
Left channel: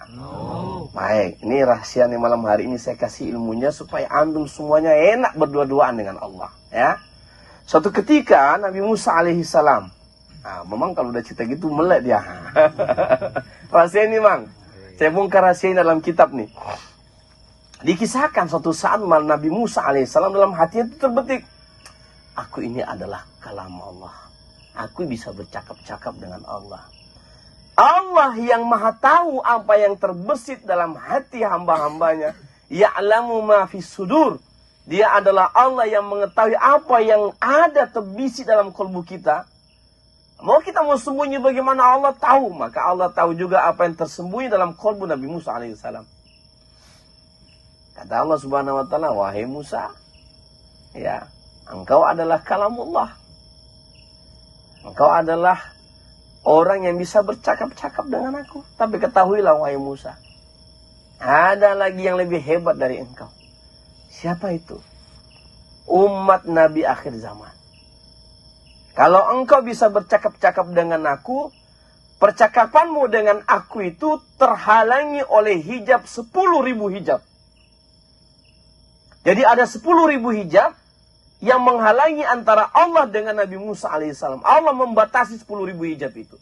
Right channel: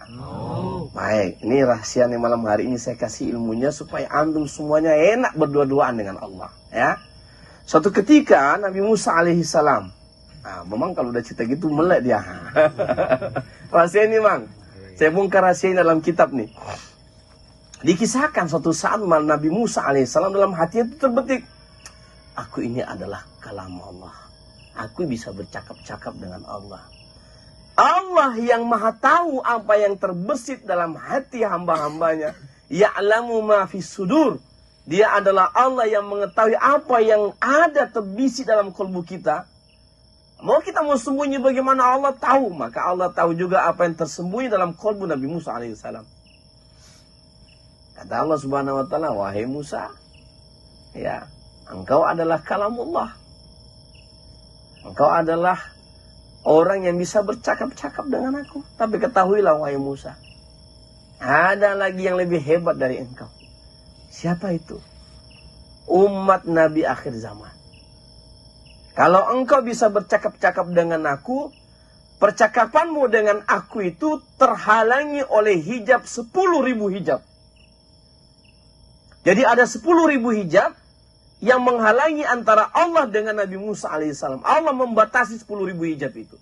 Baik, ini rahasia nih malam hari ini saya kasih ilmunya supaya antum semuanya enak berdua-duaan dengan Allah, ya. Suatu ketika Nabi Musa alaihissalam, memang kalau udah cerita gitu melek dia. Rahasia ini, Bang. Saya bongkar rahasia ini dalam kitab nih. Dikisahkan suatu saat Nabi Musa alaihissalam dalam hatinya itu terbetik, aku ini adalah kalam Allah. Aku bisa bercakap-cakap dengan Allah. Allah yang maha tahu apa yang terbesit dalam hati hamba-hambanya. Ya'lamu ma fis sudur. Dia adalah Allah yang mengetahui apa yang ada terbisi dalam kalbu kita. Mau kita mau sembunyi bagaimana Allah tahu. Maka Allah tahu juga apa yang tersembunyi dalam kalbu Nabi Musa alaihissalam. Kata Allah subhanahu wa ta'ala, wahai Musa, ya, engkau adalah kalamullah. Engkau adalah orang yang bisa bercakap-cakap dengan aku. Tapi ketahuilah wahai Musa, ada lagi yang lebih hebat dari engkau. Siapa itu? Umat Nabi akhir zaman. Kalau engkau bisa bercakap-cakap dengan aku, percakapanmu dengan aku itu terhalangi oleh hijab 10.000 hijab. Jadi ada 10.000 hijab yang menghalangi antara Allah dengan Nabi Musa alaihissalam. Allah membatasi 10.000 hijab itu.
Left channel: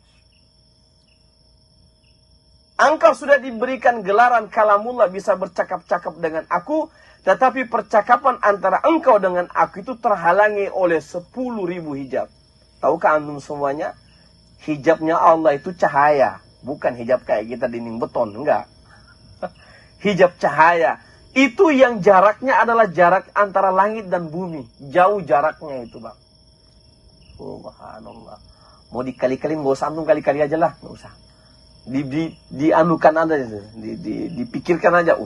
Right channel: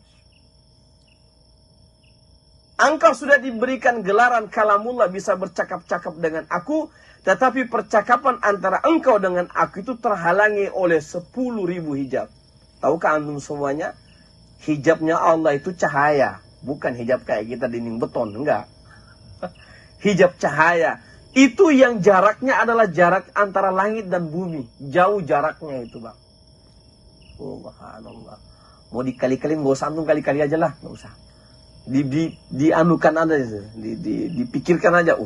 Engkau sudah diberikan gelaran kalamullah, bisa bercakap-cakap dengan aku, tetapi percakapan antara engkau dengan aku itu terhalangi oleh 10.000 hijab. Tahukah antum semuanya? Hijabnya Allah itu cahaya. Bukan hijab kayak kita dinding beton. Enggak. Hijab cahaya. Itu yang jaraknya adalah jarak antara langit dan bumi. Jauh jaraknya itu, Bang. Subhanallah. Mau dikali-kali, nggak usah antum kali-kali aja lah. Nggak usah. Dianukan aja. Dipikirkan aja.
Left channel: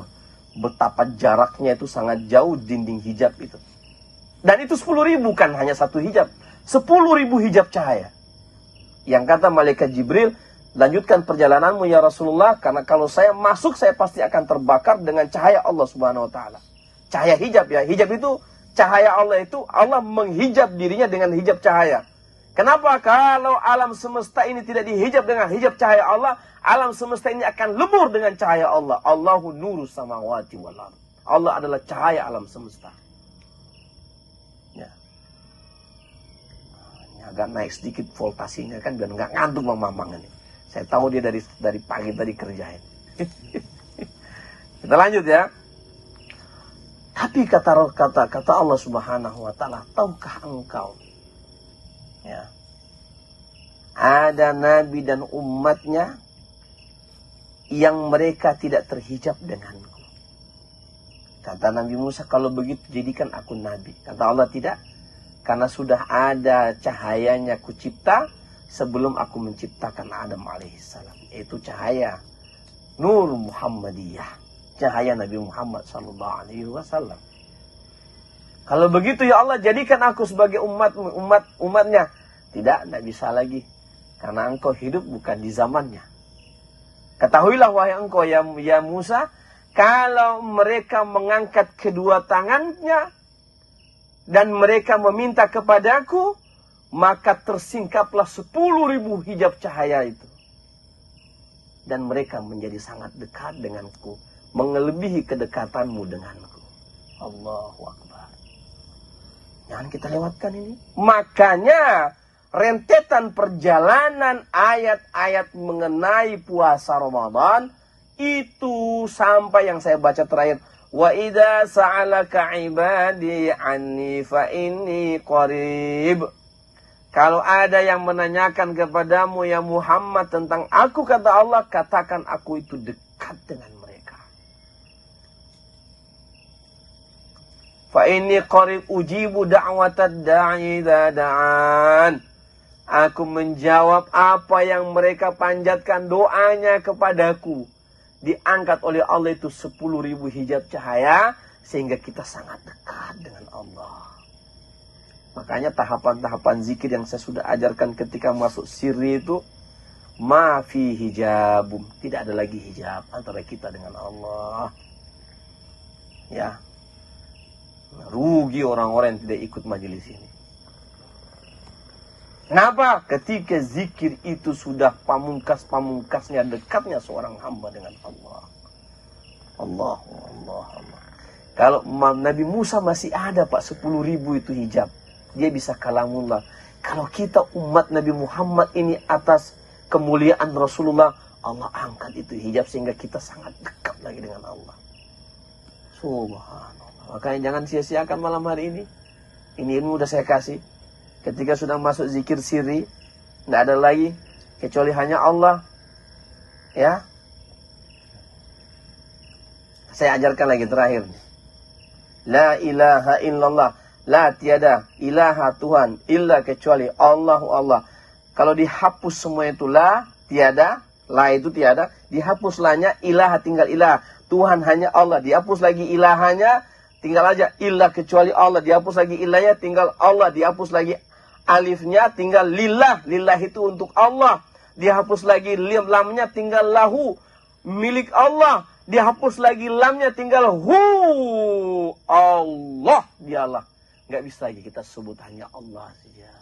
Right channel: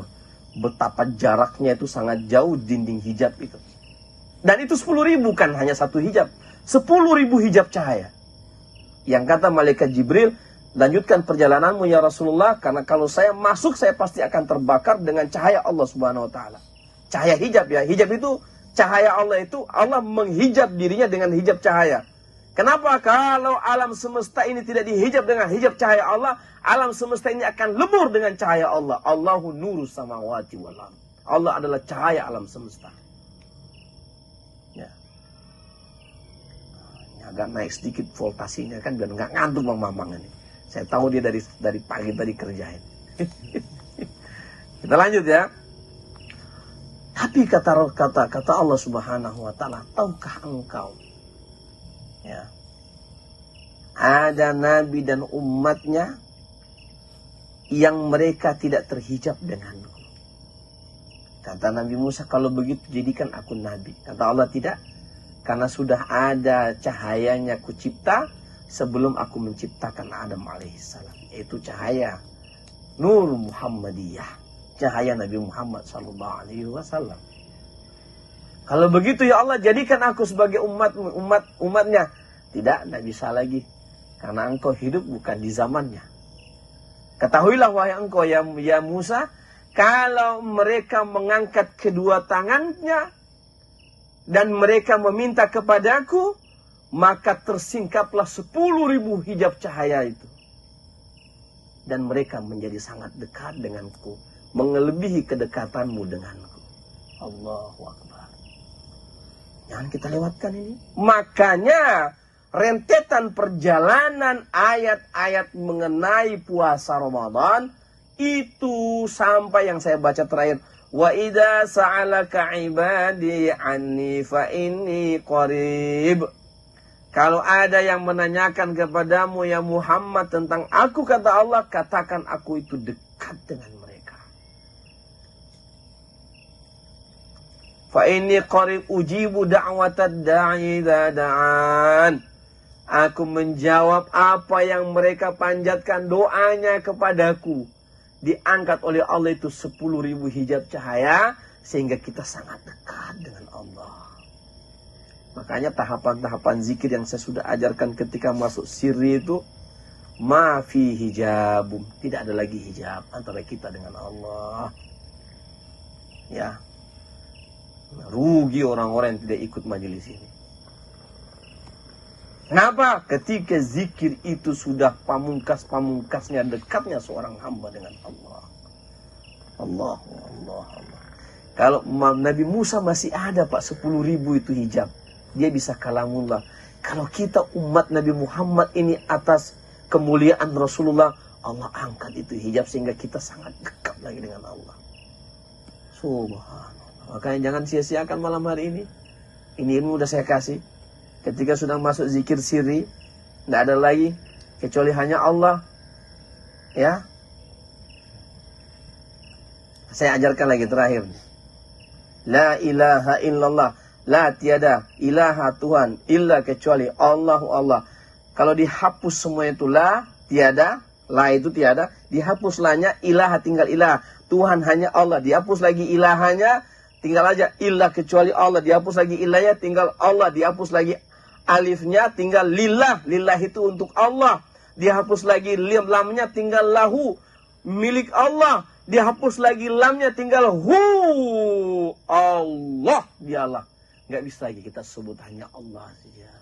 Betapa jaraknya itu sangat jauh dinding hijab itu. Dan itu 10.000, kan hanya satu hijab. 10.000 hijab cahaya. Yang kata malaikat Jibril, lanjutkan perjalananmu ya Rasulullah, karena kalau saya masuk saya pasti akan terbakar dengan cahaya Allah subhanahu wa ta'ala. Cahaya hijab ya. Hijab itu, cahaya Allah itu, Allah menghijab dirinya dengan hijab cahaya. Kenapa? Kalau alam semesta ini tidak dihijab dengan hijab cahaya Allah, alam semesta ini akan lebur dengan cahaya Allah. Allahu nurus samawati wal ardh. Allah adalah cahaya alam semesta. Ya. Agak naik sedikit voltasinya kan biar nggak ngantuk Mamang ini. Saya tahu dia dari pagi tadi kerjain. Kita lanjut ya. Tapi kata Allah Subhanahu wa taala, tahukah engkau? Ya. Ada nabi dan umatnya yang mereka tidak terhijab denganku. Kata Nabi Musa, kalau begitu jadikan aku nabi. Kata Allah, tidak. Karena sudah ada cahayanya kucipta, sebelum aku menciptakan Adam alaihissalam, yaitu cahaya Nur Muhammadiyah, cahaya Nabi Muhammad sallallahu alaihi wasallam. Kalau begitu ya Allah, jadikan aku sebagai umatnya. Tidak bisa lagi, karena engkau hidup bukan di zamannya. Ketahuilah wahai engkau ya Musa, kalau mereka mengangkat kedua tangannya dan mereka meminta kepadaku, maka tersingkaplah 10.000 hijab cahaya itu. Dan mereka menjadi sangat dekat denganku, melebihi kedekatanmu denganku. Allahu Akbar. Jangan kita lewatkan ini. Makanya rentetan perjalanan ayat-ayat mengenai puasa Ramadan itu sampai yang saya baca terakhir, wa idza sa'alaka ibadi anni fa inni qarib. Kalau ada yang menanyakan kepadamu ya Muhammad tentang aku, kata Allah, katakan aku itu dekat dengan mereka. Fa inni qarib ujibu da'watad da'i idza da'an. Aku menjawab apa yang mereka panjatkan doanya kepadaku. Diangkat oleh Allah itu 10.000 hijab cahaya, sehingga kita sangat dekat dengan Allah. Makanya tahapan-tahapan zikir yang saya sudah ajarkan ketika masuk sirri itu, ma fi hijabum, tidak ada lagi hijab antara kita dengan Allah. Ya. Rugi orang-orang yang tidak ikut majelis ini. Kenapa? Ketika zikir itu sudah pamungkas-pamungkasnya, dekatnya seorang hamba dengan Allah. Allah. Kalau Nabi Musa masih ada Pak 10.000 itu hijab, dia bisa kalamullah. Kalau kita umat Nabi Muhammad ini atas kemuliaan Rasulullah, Allah angkat itu hijab sehingga kita sangat dekat lagi dengan Allah. Subhanallah. Makanya jangan sia-siakan malam hari ini. Ini ilmu udah saya kasih. Ketika sudah masuk zikir sirri, tidak ada lagi kecuali hanya Allah. Ya. Saya ajarkan lagi terakhir. La ilaha illallah. La tiada ilaha Tuhan illa kecuali Allahu Allah. Kalau dihapus semua itu la, tiada, la itu tiada, dihapus lanya, ilaha tinggal ilah. Tuhan hanya Allah, dihapus lagi ilahanya, tinggal aja ilah kecuali Allah, dihapus lagi ilahnya, tinggal Allah, dihapus lagi alifnya, tinggal lillah, lillah itu untuk Allah, dihapus lagi lamnya, tinggal lahu, milik Allah, dihapus lagi lamnya, tinggal hu, Allah, dialah. Nggak bisa lagi kita sebut hanya Allah saja.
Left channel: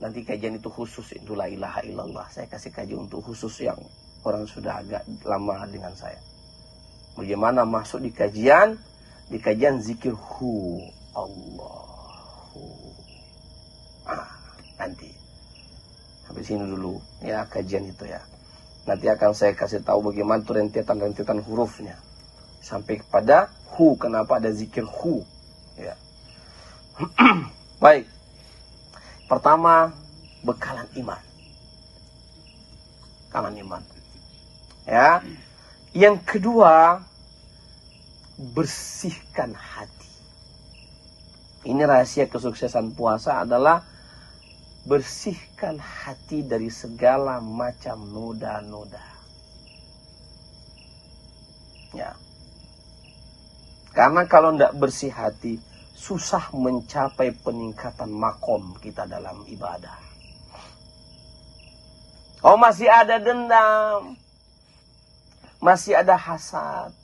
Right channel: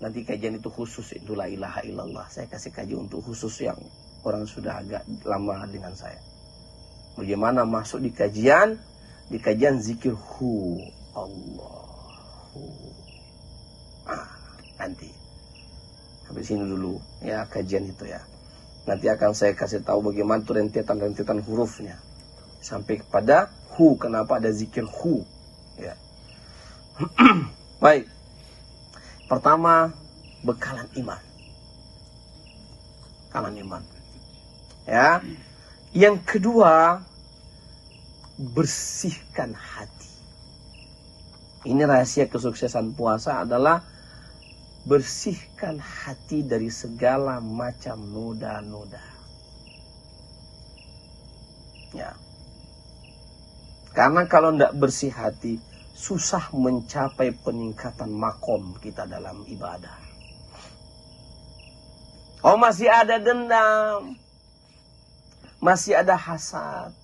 Nanti kajian itu khusus, itu la ilaha illallah. Saya kasih kajian untuk khusus yang orang sudah agak lama dengan saya. Bagaimana masuk di kajian zikir hu, Allah. Nanti habis ini dulu ya kajian itu ya. Nanti akan saya kasih tahu bagaimana tuh rentetan hurufnya sampai kepada hu. Kenapa ada zikir hu? Ya. Baik. Pertama, bekalan iman. Bekalan iman. Ya. Yang kedua, bersihkan hati. Ini rahasia kesuksesan puasa adalah bersihkan hati dari segala macam noda-noda. Ya. Karena kalau tidak bersih hati, susah mencapai peningkatan makom kita dalam ibadah. Oh, masih ada dendam, masih ada hasad,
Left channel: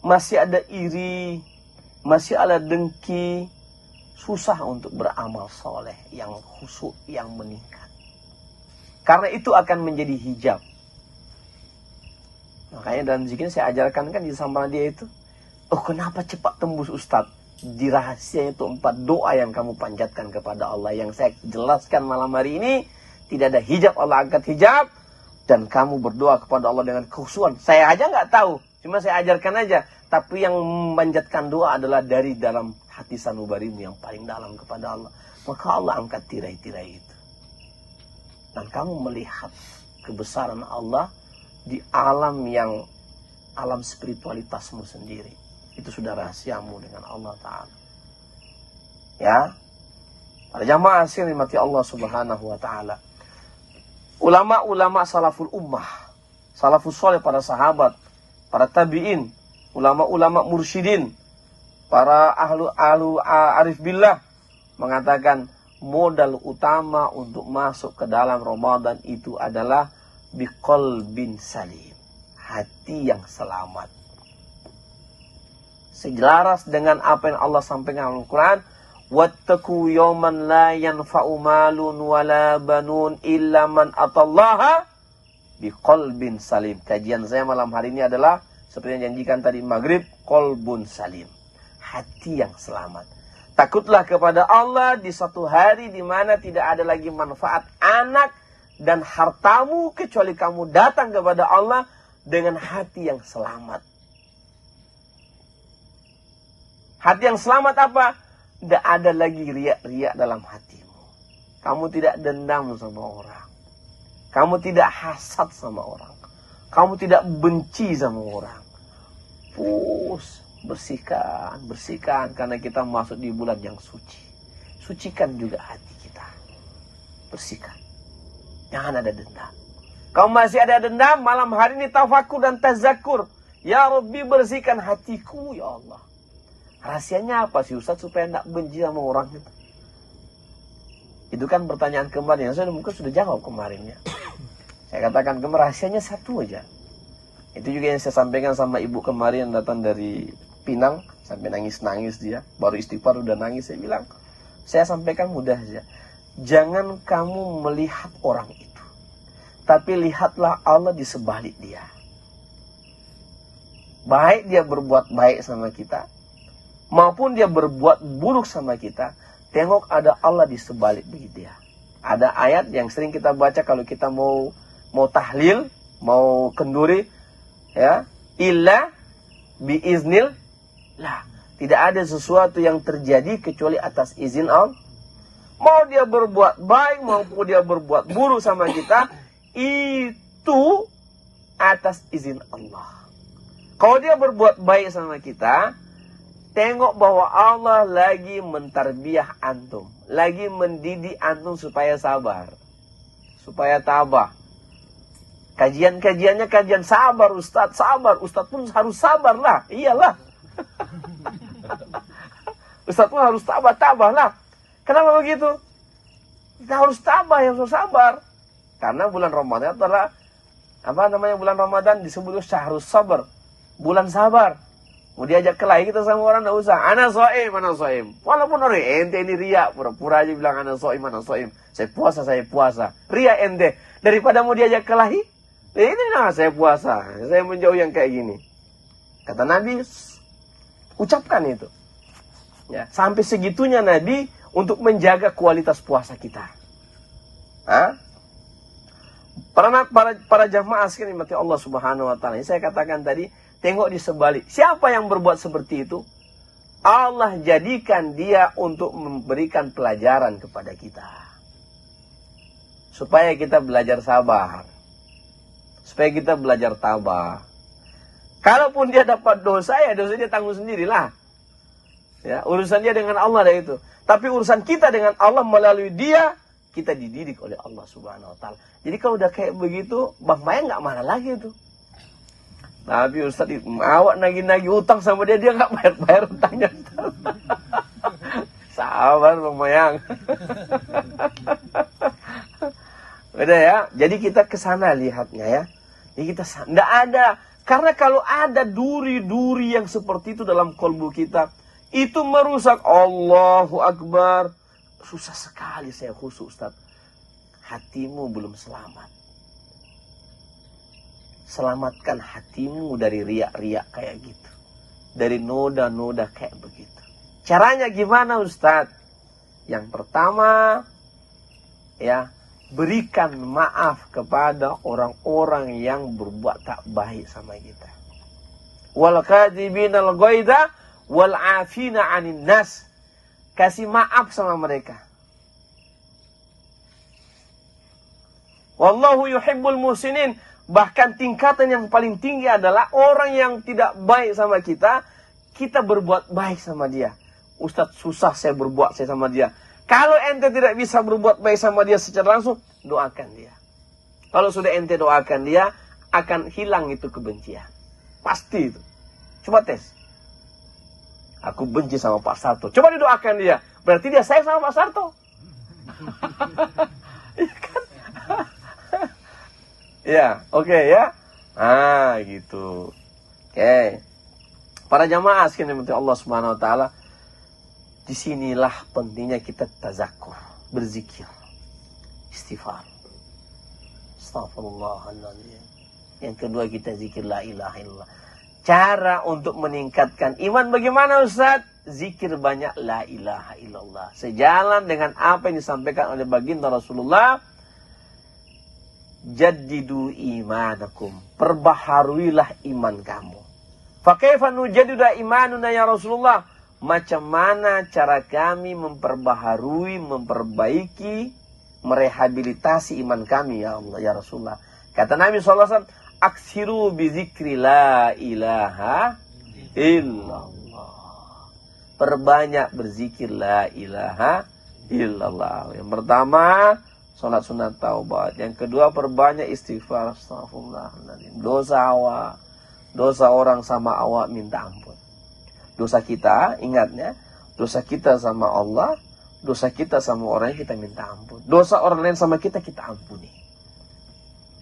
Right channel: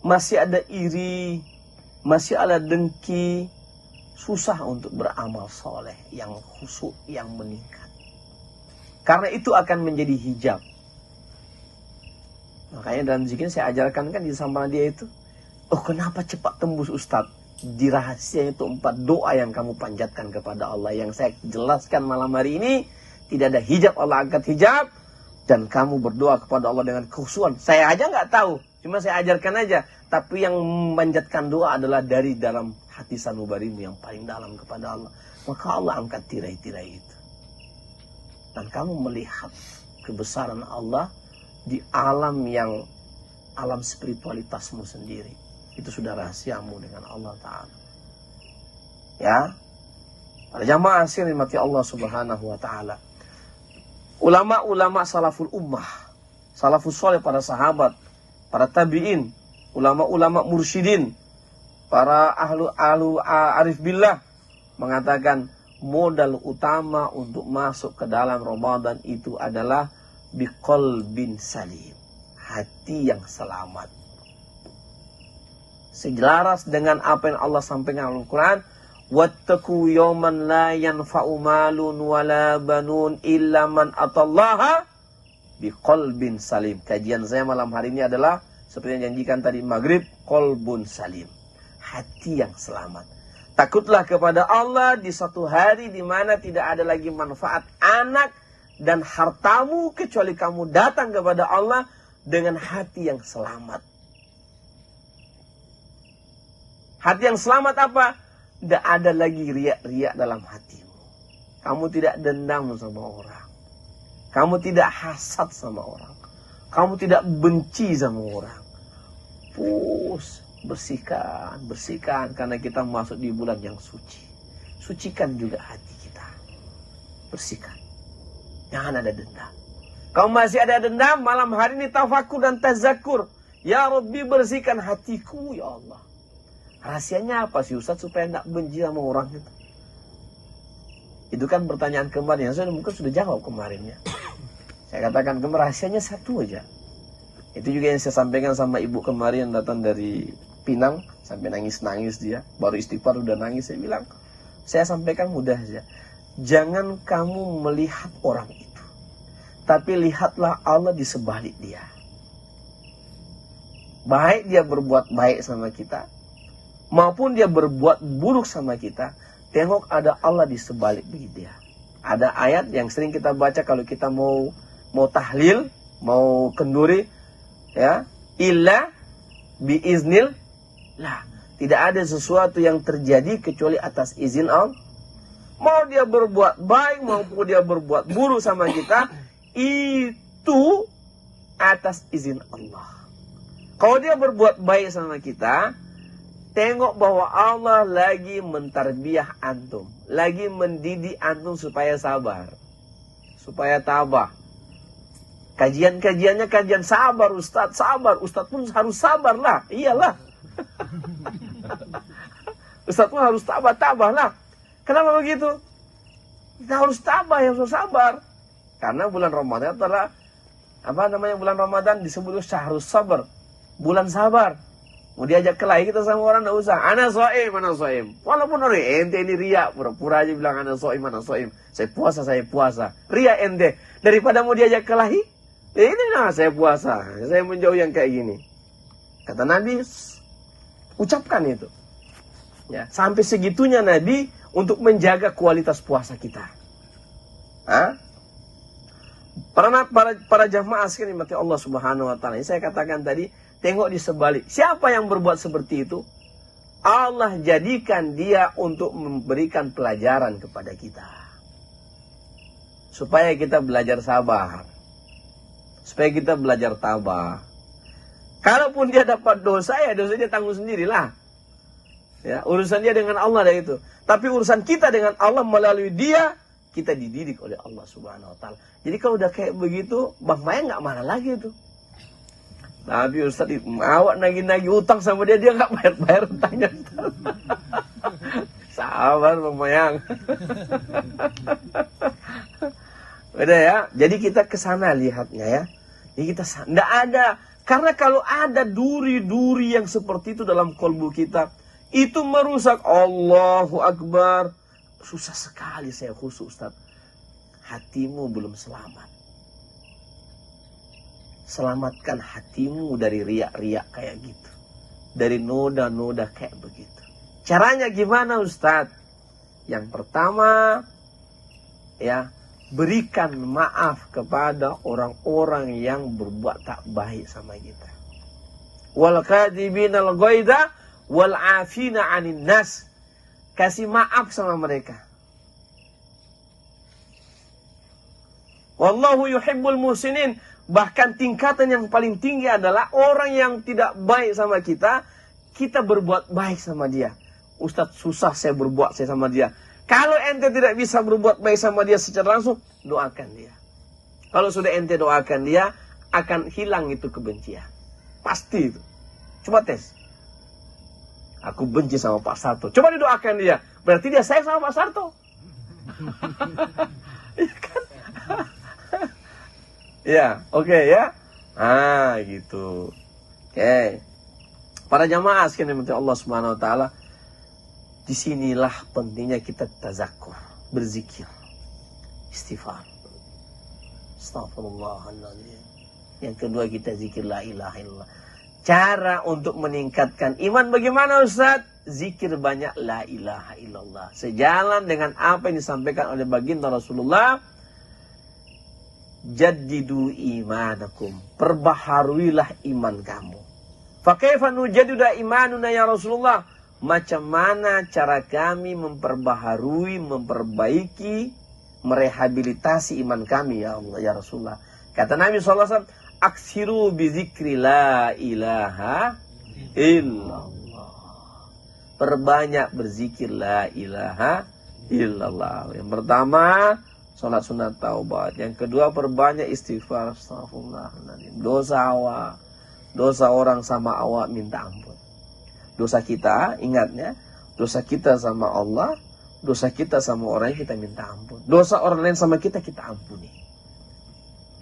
masih ada iri, masih ada dengki, susah untuk beramal soleh yang khusyuk, yang meningkat. Karena itu akan menjadi hijab. Makanya dalam zikir saya ajarkan kan di samping dia itu, oh kenapa cepat tembus Ustadz? Di rahasia itu 4 doa yang kamu panjatkan kepada Allah. Yang saya jelaskan malam hari ini, tidak ada hijab, Allah angkat hijab. Dan kamu berdoa kepada Allah dengan khusyuan. Saya aja nggak tahu, cuma saya ajarkan aja. Tapi yang memanjatkan doa adalah dari dalam hati sanubarimu yang paling dalam kepada Allah. Maka Allah angkat tirai-tirai itu. Dan kamu melihat kebesaran Allah di alam spiritualitasmu sendiri. Itu sudah rahasiamu dengan Allah Ta'ala. Ya. Para jamaah sekalian mati Allah Subhanahu wa taala. Ulama-ulama salaful ummah, salafus saleh, para sahabat, para tabi'in, ulama-ulama mursyidin, para ahlu arif billah mengatakan modal utama untuk masuk ke dalam Ramadan itu adalah biqalbin salim, hati yang selamat. Selaras dengan apa yang Allah sampaikan dalam Al-Quran, wattaqu yawman la yanfa'u malun wala banun illa man atallaha biqalbin salim. Kajian saya malam hari ini adalah seperti yang janjikan tadi maghrib, qalbun salim, hati yang selamat. Takutlah kepada Allah di satu hari di mana tidak ada lagi manfaat anak dan hartamu kecuali kamu datang kepada Allah dengan hati yang selamat. Hati yang selamat apa? Tidak ada lagi riak-riak dalam hatimu. Kamu tidak dendam sama orang. Kamu tidak hasad sama orang. Kamu tidak benci sama orang. Bersihkan karena kita masuk di bulan yang suci. Sucikan juga hati kita. Bersihkan. Jangan ada dendam. Kalau masih ada dendam, malam hari ini tafakur dan tazakur. Ya Rabbi, bersihkan hatiku ya Allah. Rahasianya apa sih Ustaz supaya tidak benci sama orang itu? Itu kan pertanyaan kemarin. Mungkin sudah jawab kemarinnya. Saya katakan rahasianya satu aja. Itu juga yang saya sampaikan sama ibu kemarin yang datang dari Pinang. Sampai nangis-nangis dia. Baru istighfar udah nangis. Saya bilang, saya sampaikan mudah saja. Jangan kamu melihat orang itu. Tapi lihatlah Allah di sebalik dia. Baik dia berbuat baik sama kita, maupun dia berbuat buruk sama kita, tengok ada Allah di sebalik dia. Ada ayat yang sering kita baca kalau kita mau tahlil, mau kenduri, ya, illa biiznil lah. Tidak ada sesuatu yang terjadi kecuali atas izin Allah. Mau dia berbuat baik maupun dia berbuat buruk sama kita, itu atas izin Allah. Kalau dia berbuat baik sama kita, tengok bahwa Allah lagi mentarbiyah antum. Lagi mendidik antum supaya sabar. Supaya tabah. Kajian-kajiannya kajian sabar Ustaz. Sabar. Ustaz pun harus sabar lah. Iyalah. Ustaz pun harus tabah lah. Kenapa begitu? Kita harus tabah, harus sabar. Karena bulan Ramadan adalah, bulan Ramadan disebut syahrus sabar. Bulan sabar. Mau diajak kelahi kita sama orang, tidak usah. Ana so'im. Walaupun hari ente ini riak. Pura-pura aja bilang ana so'im. Saya puasa. Riak ente. Daripada mau diajak kelahi, ini nama saya puasa. Saya menjauh yang kayak gini. Kata Nabi, ucapkan itu. Ya, sampai segitunya Nabi untuk menjaga kualitas puasa kita. Para jamaah sekalian mati Allah Subhanahu wa taala. Saya katakan tadi, tengok di sebalik. Siapa yang berbuat seperti itu? Allah jadikan dia untuk memberikan pelajaran kepada kita. Supaya kita belajar sabar. Supaya kita belajar tabah. Kalaupun dia dapat dosa, ya dosa dia tanggung sendirilah. Ya, urusan dia dengan Allah dah itu. Tapi urusan kita dengan Allah melalui dia, kita dididik oleh Allah Subhanahu wa taala. Jadi kalau udah kayak begitu, Bang Mayang nggak marah lagi itu. Tapi Ustaz, awak nagih-nagih utang sama dia nggak bayar utangnya. Sabar Bang Mayang. Udah ya, jadi kita kesana lihatnya ya. Jadi kita nggak ada, karena kalau ada duri-duri yang seperti itu dalam kalbu kita, itu merusak. Allahu Akbar. Susah sekali saya khusus Ustaz. Hatimu belum selamat. Selamatkan hatimu dari riak-riak kayak gitu. Dari noda-noda kayak begitu. Caranya gimana Ustaz? Yang pertama, ya, berikan maaf kepada orang-orang yang berbuat tak baik sama kita. Wal kadhibinal ghaidha wal 'afina 'anil nas. Kasih maaf sama mereka. Wallahu yuhibbul muhsinin. Bahkan tingkatan yang paling tinggi adalah orang yang tidak baik sama kita, kita berbuat baik sama dia. Ustaz, susah saya berbuat sama dia. Kalau ente tidak bisa berbuat baik sama dia secara langsung, doakan dia. Kalau sudah ente doakan dia, akan hilang itu kebencian. Pasti itu. Coba tes. Aku benci sama Pak Sarto. Coba didoakan dia. Berarti dia sayang sama Pak Sarto. Iya kan? Ya, oke ya. Ah, gitu. Oke. Para jamaah sekalian yang Allah Subhanahu wa taala, disinilah pentingnya kita tazakur, berzikir, istighfar. Astagfirullahaladzim. Yang kedua kita zikir la ilaha illallah. Cara untuk meningkatkan iman bagaimana Ustaz? Zikir banyak la ilaha illallah. Sejalan dengan apa yang disampaikan oleh baginda Rasulullah. Jaddidu imanakum. Perbaharuilah iman kamu. Fa kaifa nujaddidu imanuna ya Rasulullah? Macam mana cara kami memperbaharui, memperbaiki, merehabilitasi iman kami ya Allah ya Rasulullah. Kata Nabi SAW, aksiru bizikri la ilaha illallah. Perbanyak berzikir la ilaha illallah. Yang pertama, sholat sunat taubat. Yang kedua, perbanyak istighfar. Astagfirullahaladzim. Dosa orang sama awak minta ampun. Dosa kita, ingatnya, dosa kita sama Allah, dosa kita sama orang yang kita minta ampun. Dosa orang lain sama kita, kita ampuni.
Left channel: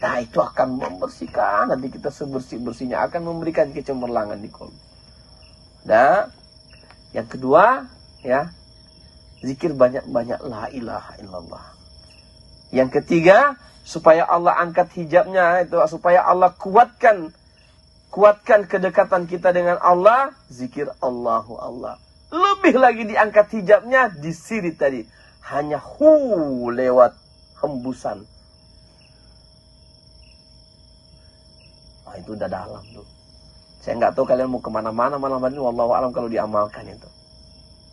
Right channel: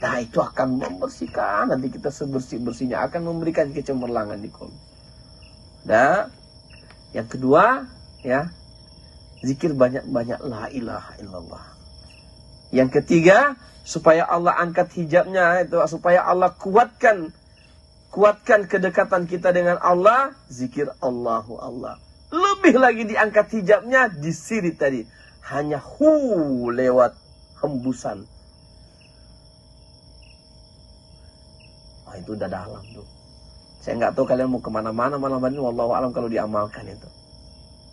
Nah, itu akan membersihkan, nanti kita sebersih-bersihnya, akan memberikan kecemerlangan di kolbu. Dan yang kedua, ya, zikir banyak-banyak la ilaha illallah. Yang ketiga, supaya Allah angkat hijabnya, itu supaya Allah kuatkan kedekatan kita dengan Allah, zikir Allahu Allah. Lebih lagi diangkat hijabnya di siri tadi. Hanya lewat hembusan. Nah, itu udah dalam tuh. Saya nggak tahu kalian mau kemana-mana malam hari ini. Wallahu a'lam kalau diamalkan itu.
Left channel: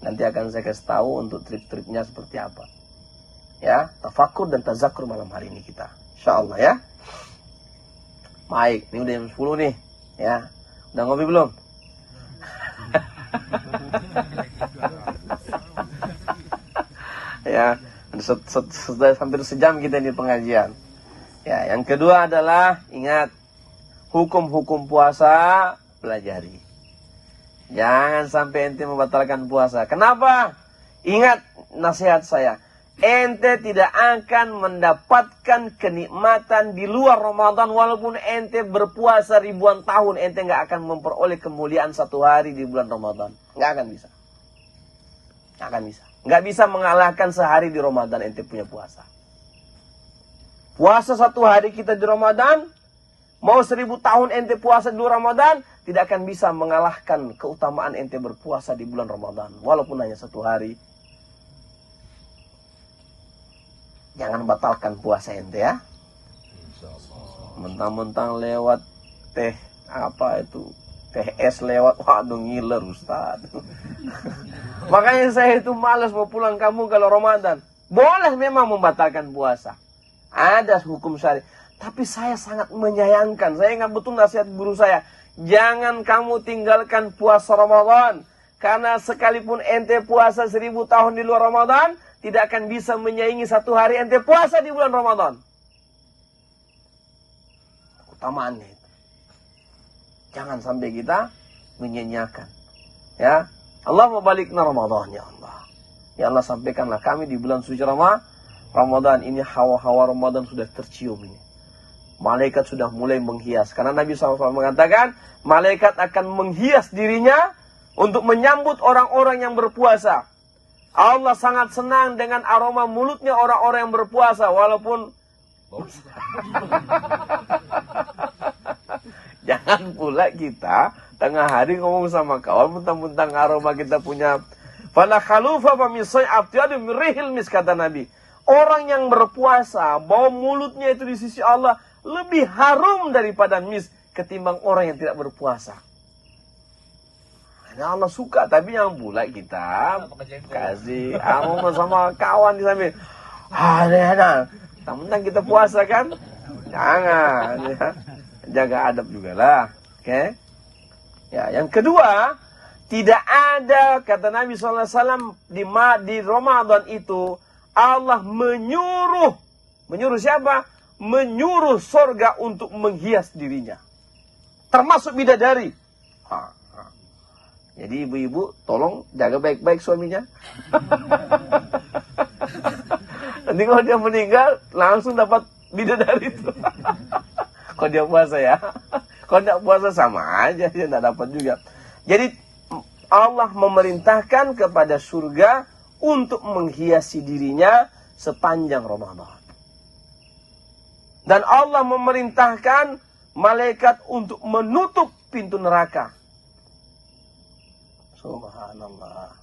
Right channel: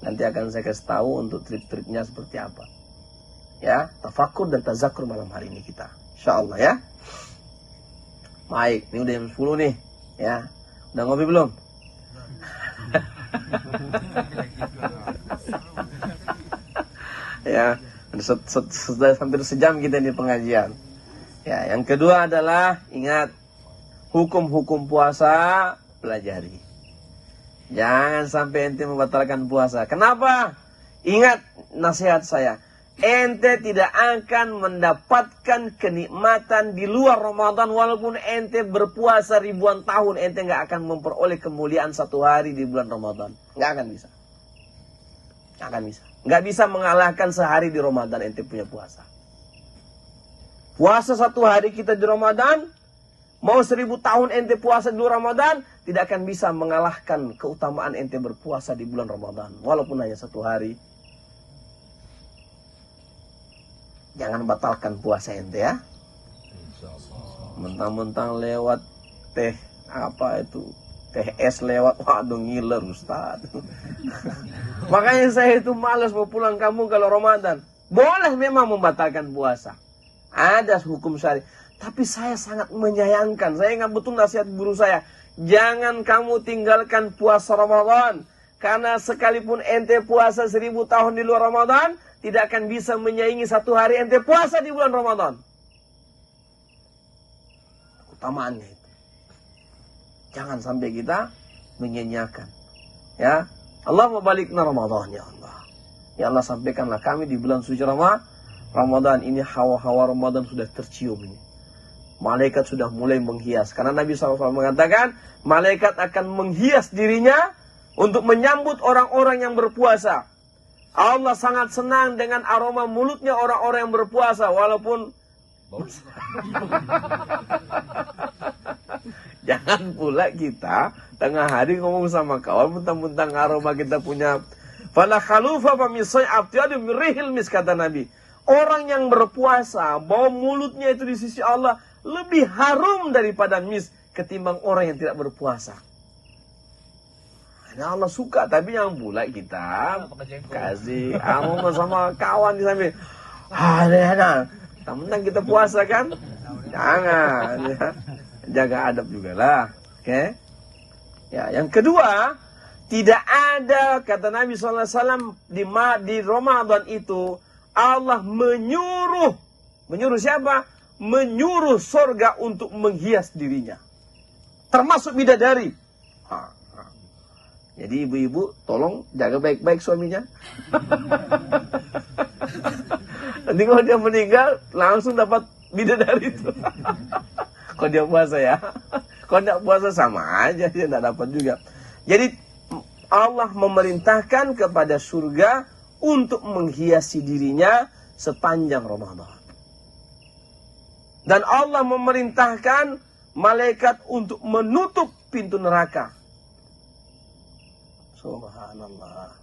Nanti akan saya kasih tahu untuk trik-triknya seperti apa. Ya, tafakur dan tazakur malam hari ini kita. InsyaAllah ya. Baik, ini udah jam 10 nih. Ya, udah ngopi belum? Ya, sudah hampir sejam kita di pengajian. Ya, yang kedua adalah ingat hukum-hukum puasa pelajari. Jangan sampai ente membatalkan puasa. Kenapa? Ingat nasihat saya. Ente tidak akan mendapatkan kenikmatan di luar Ramadan walaupun ente berpuasa ribuan tahun, ente nggak akan memperoleh kemuliaan satu hari di bulan Ramadan. Nggak akan bisa. Nggak akan bisa. Nggak bisa mengalahkan sehari di Ramadan ente punya puasa. Puasa satu hari kita di Ramadan, mau 1000 tahun ente puasa di bulan Ramadan, tidak akan bisa mengalahkan keutamaan ente berpuasa di bulan Ramadan walaupun hanya satu hari. Jangan batalkan puasa ente ya. Mentang-mentang lewat teh es lewat, waduh ngiler Ustaz. Makanya saya itu malas mau pulang kampung kalau Ramadan. Boleh memang membatalkan puasa. Ada hukum syari. Tapi saya sangat menyayangkan. Saya ingat betul nasihat guru saya. Jangan kamu tinggalkan puasa Ramadan. Karena sekalipun ente puasa 1000 tahun di luar Ramadan, tidak akan bisa menyaingi satu hari ente puasa di bulan Ramadan. Utamaannya itu. Jangan sampai kita menyanyiakan. Ya, Allah membalikna Ramadan ya Allah. Ya Allah, sampaikanlah kami di bulan suci Ramadan ini, hawa-hawa Ramadan sudah tercium ini. Malaikat sudah mulai menghias. Karena Nabi SAW mengatakan, malaikat akan menghias dirinya untuk menyambut orang-orang yang berpuasa. Allah sangat senang dengan aroma mulutnya orang-orang yang berpuasa. Walaupun jangan pula kita tengah hari ngomong sama kawan mentang-mentang aroma kita punya. Fala khalufa min say'ati min rihil mis, kata Nabi. Orang yang berpuasa, bau mulutnya itu di sisi Allah lebih harum daripada mis ketimbang orang yang tidak berpuasa. Ya Allah suka, tapi yang pula kita kasih aroma sama kawan di samping. Ada. Mentang kita puasa kan? Jangan ya. Jaga adab juga lah. Oke? Ya, yang kedua, Tidak ada, kata Nabi SAW, di Ramadan itu Allah menyuruh siapa? Menyuruh surga untuk menghias dirinya, termasuk bidadari. Jadi ibu-ibu tolong jaga baik-baik suaminya. Nanti kalau dia meninggal langsung dapat bidadari itu. Kalau dia puasa ya. Kalau tidak puasa sama aja, dia tidak dapat juga. Jadi Allah memerintahkan kepada surga untuk menghiasi dirinya sepanjang Ramadan. Dan Allah memerintahkan malaikat untuk menutup pintu neraka. Subhanallah.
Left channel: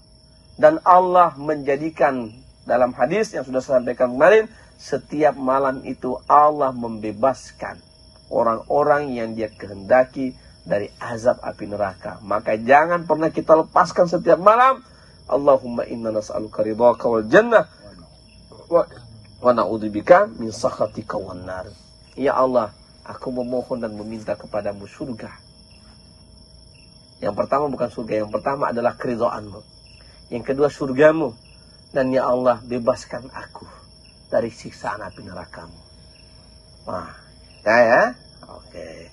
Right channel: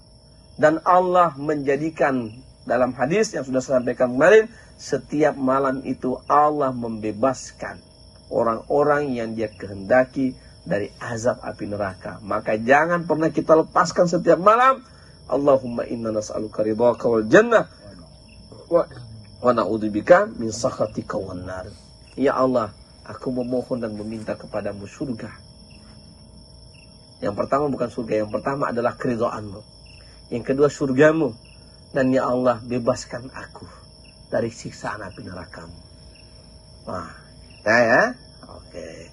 Dan Allah menjadikan dalam hadis yang sudah saya sampaikan kemarin, setiap malam itu Allah membebaskan orang-orang yang dia kehendaki dari azab api neraka. Maka jangan pernah kita lepaskan setiap malam, Allahumma inna nas'aluka ridhaka wal jannah wa na'udzubika min sakhatika wan nar. Ya Allah, aku memohon dan meminta kepadamu surga. Yang pertama bukan surga, yang pertama adalah keridhaanmu. Yang kedua surgamu. Dan ya Allah, bebaskan aku dari siksaan api neraka-Mu. Wah, ya? Oke.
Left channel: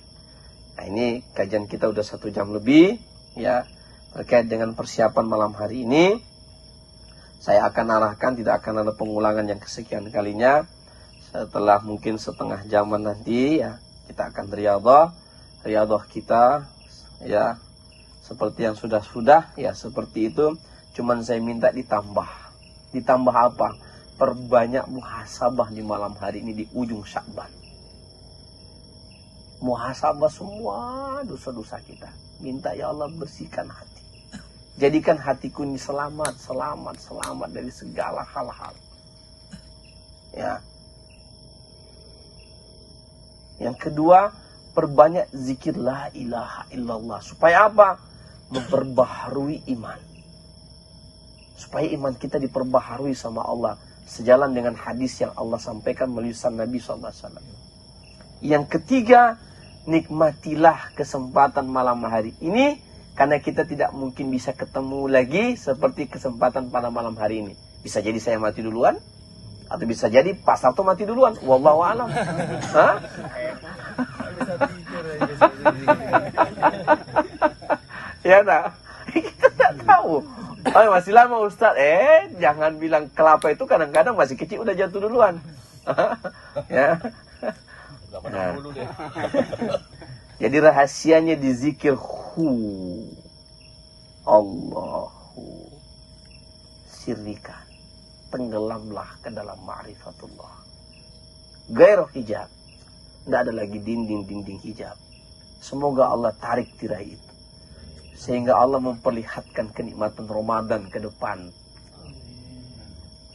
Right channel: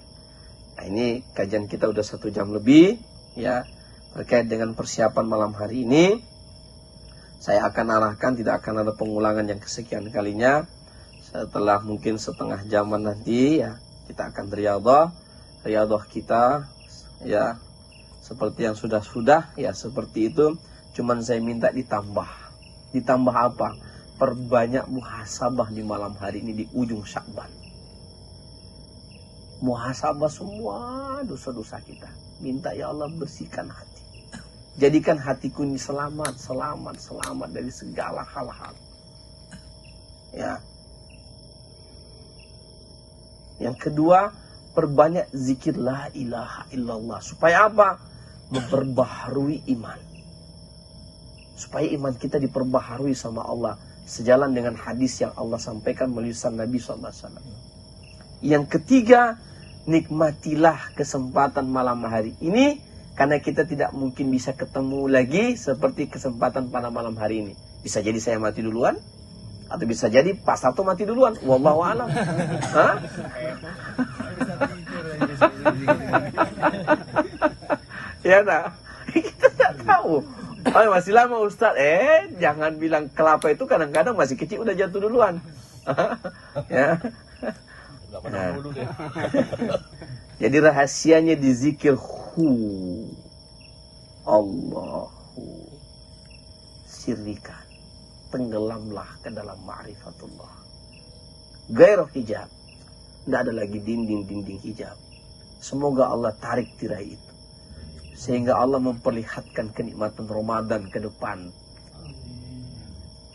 Nah, ini kajian kita udah 1 jam lebih, ya, terkait dengan persiapan malam hari ini. Saya akan arahkan, tidak akan ada pengulangan yang kesekian kalinya. Setelah mungkin setengah jaman nanti, ya, kita akan riyadhah kita, ya, seperti yang sudah-sudah, ya, seperti itu. Cuman saya minta ditambah apa? Perbanyak muhasabah di malam hari ini di ujung Sya'ban. Muhasabah semua dosa-dosa kita. Minta ya Allah bersihkan hati. Jadikan hatiku ini selamat dari segala hal-hal. Ya. Yang kedua, perbanyak zikir la ilaha illallah. Supaya apa? Memperbaharui iman. Supaya iman kita diperbaharui sama Allah. Sejalan dengan hadis yang Allah sampaikan melalui Nabi SAW. Yang ketiga, nikmatilah kesempatan malam hari ini. Karena kita tidak mungkin bisa ketemu lagi seperti kesempatan pada malam hari ini. Bisa jadi saya mati duluan. Atau bisa jadi Pak Sarto mati duluan. Wallahu a'lam. Hah? Ya nah. Kita tidak tahu. Oh, masih lama Ustaz. Jangan bilang kelapa itu kadang-kadang masih kecil udah jatuh duluan. Ya. Nah. Jadi rahasianya di zikir Allahu sirrikan. Tenggelamlah ke dalam ma'rifatullah. Gairah hijab. Tidak ada lagi dinding-dinding hijab. Semoga Allah tarik tirai itu. Sehingga Allah memperlihatkan kenikmatan Ramadan ke depan.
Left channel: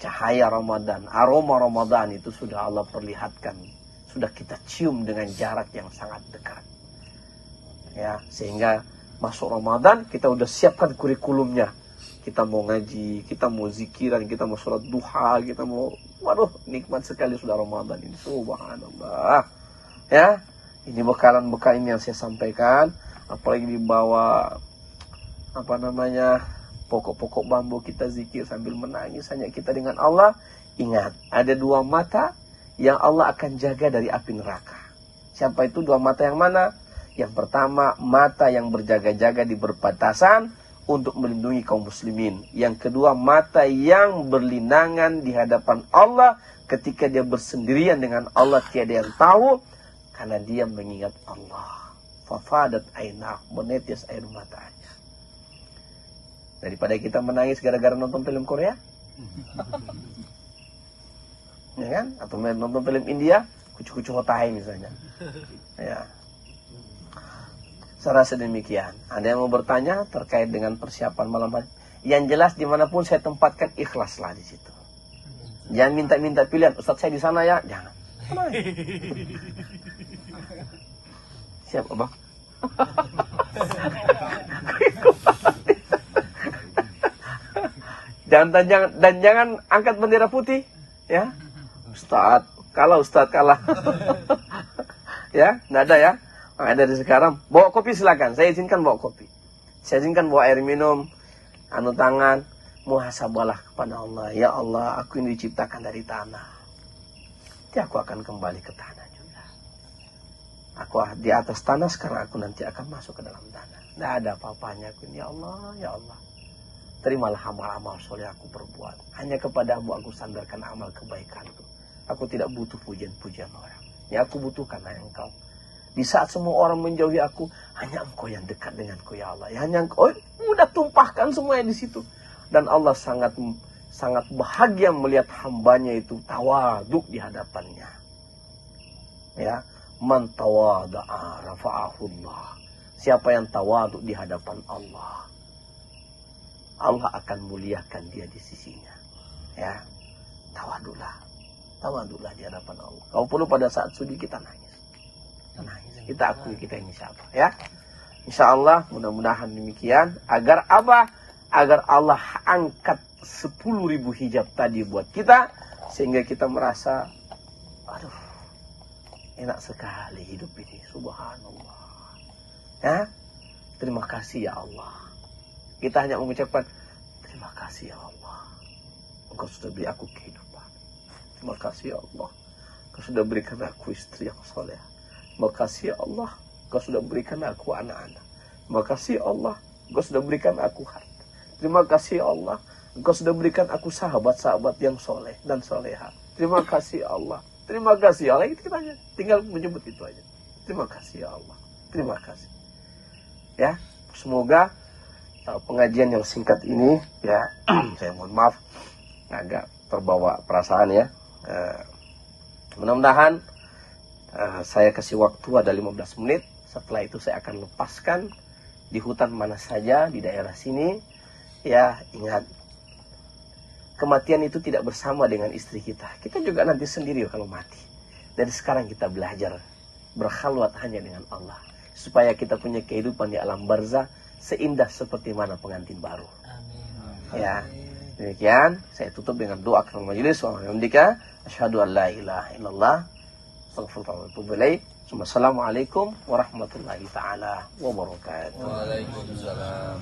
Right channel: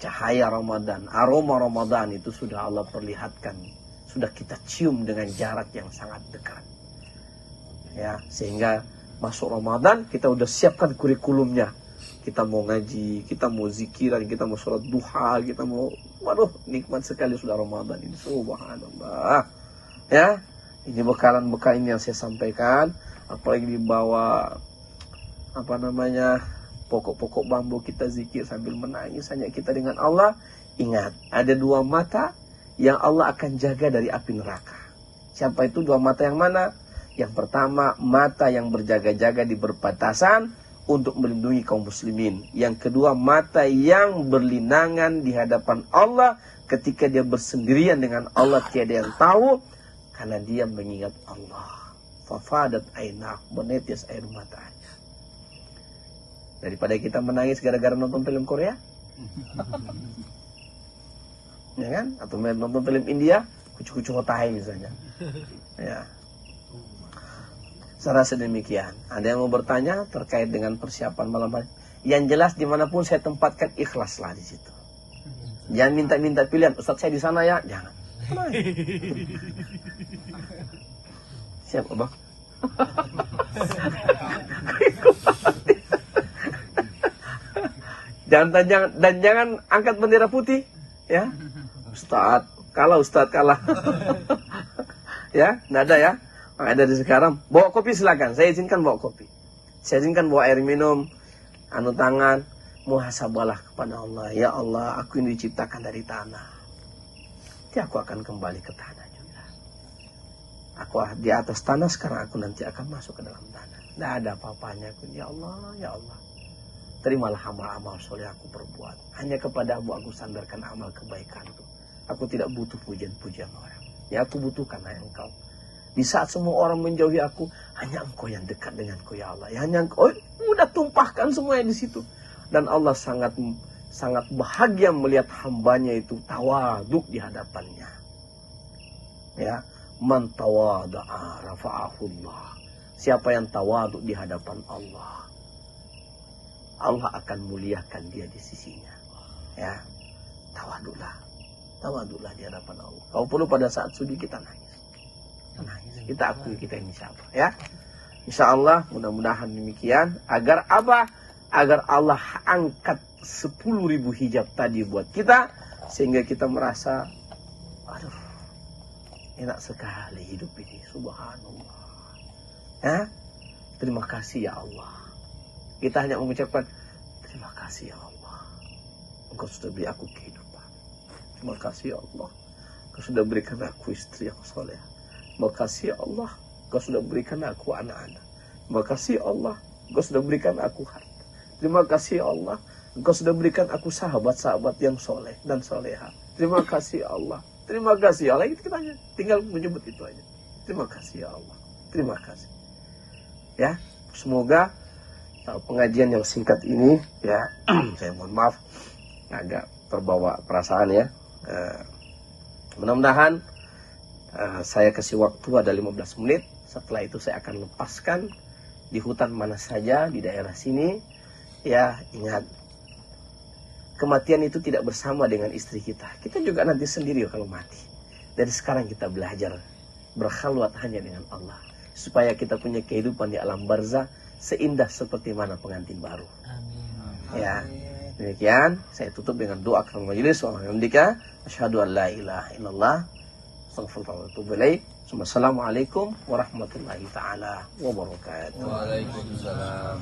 Cahaya Ramadan, aroma Ramadan itu sudah Allah perlihatkan. Sudah kita cium dengan jarak yang sangat dekat. Ya, sehingga masuk Ramadan kita udah siapkan kurikulumnya. Kita mau ngaji, kita mau zikiran, kita mau sholat duha, kita mau, waduh, nikmat sekali sudah Ramadan ini. Subhanallah. Ya, ini bekalan-bekal ini yang saya sampaikan. Apalagi dibawa pokok-pokok bambu, kita zikir sambil menangis hanya kita dengan Allah. Ingat, ada 2 mata yang Allah akan jaga dari api neraka. Siapa itu 2 mata yang mana? Yang pertama, mata yang berjaga-jaga di perbatasan untuk melindungi kaum muslimin. Yang kedua, mata yang berlinangan di hadapan Allah ketika dia bersendirian dengan Allah, tiada yang tahu, karena dia mengingat Allah. Fafadat ainah, menetes air matanya. Daripada kita menangis gara-gara nonton film Korea, ya kan? Atau nonton film India, kucu-kucu hotai misalnya. Ya. Saya rasa demikian. Ada yang mau bertanya terkait dengan persiapan malam hari? Yang jelas dimanapun saya tempatkan, ikhlaslah di situ. Jangan minta-minta pilihan. Ustaz saya di sana ya, jangan. Siap, Abang. Dan jangan angkat bendera putih, ya. Ustaz kalah. Ya, enggak ada ya. Maka dari sekarang bawa kopi silakan. Saya izinkan bawa kopi. Saya izinkan bawa air minum, anu tangan, muhasabalah kepada Allah. Ya Allah, aku ini diciptakan dari tanah. Nanti aku akan kembali ke tanah juga. Aku di atas tanah, sekarang aku nanti akan masuk ke dalam tanah. Tidak ada apa-apanya. Ya Allah, ya Allah, terimalah amal-amal soleh aku perbuat. Hanya kepadamu aku sandarkan amal kebaikanku. Aku tidak butuh pujian-pujian orang. Ya aku butuhkan hanya Engkau. Di saat semua orang menjauhi aku, hanya Engkau yang dekat denganku ya Allah. Ya, hanya Engkau, udah tumpahkan semuanya di situ. Dan Allah sangat bahagia melihat hambanya itu tawaduk di hadapannya. Ya, man tawada'a rafa'ahullah. Siapa yang tawaduk di hadapan Allah, Allah akan muliakan dia di sisinya. Ya, tawaduklah di hadapan Allah. Kalau perlu pada saat sujud kita nangis. Kita akui kita ini siapa. Ya, insya Allah mudah-mudahan demikian. Agar apa? Agar Allah angkat 10.000 hijab tadi buat kita, sehingga kita merasa, aduh, enak sekali hidup ini. Subhanallah. Ya, terima kasih ya Allah. Kita hanya mengucapkan terima kasih ya Allah. Engkau sudah beri aku kehidupan. Terima kasih ya Allah. Engkau sudah berikan aku istri yang soleh. Terima kasih ya Allah. Engkau sudah berikan aku anak-anak. Terima kasih ya Allah. Engkau sudah berikan aku harta. Terima kasih ya Allah. Engkau sudah berikan aku sahabat-sahabat yang soleh dan soleha. Terima kasih ya Allah. Terima kasih ya Allah. Kita tinggal menyebut itu aja. Terima kasih ya Allah. Terima kasih. Ya, semoga pengajian yang singkat ini, ya, saya mohon maaf agak terbawa perasaan ya. Mudah-mudahan saya kasih waktu ada 15 menit. Setelah itu saya akan lepaskan di hutan mana saja di daerah sini. Ya, ingat, kematian itu tidak bersama dengan istri kita. Kita juga nanti sendiri kalau mati. Dari sekarang kita belajar berkhalwat hanya dengan Allah, supaya kita punya kehidupan di alam barzah seindah seperti mana pengantin baru. Ya, demikian saya tutup dengan doa akhir majelis. Asyhadu an la ilaha illallah, astaghfirullah wa atubu ilaih. Wassalamualaikum warahmatullahi taala wabarakatuh. Waalaikumsalam.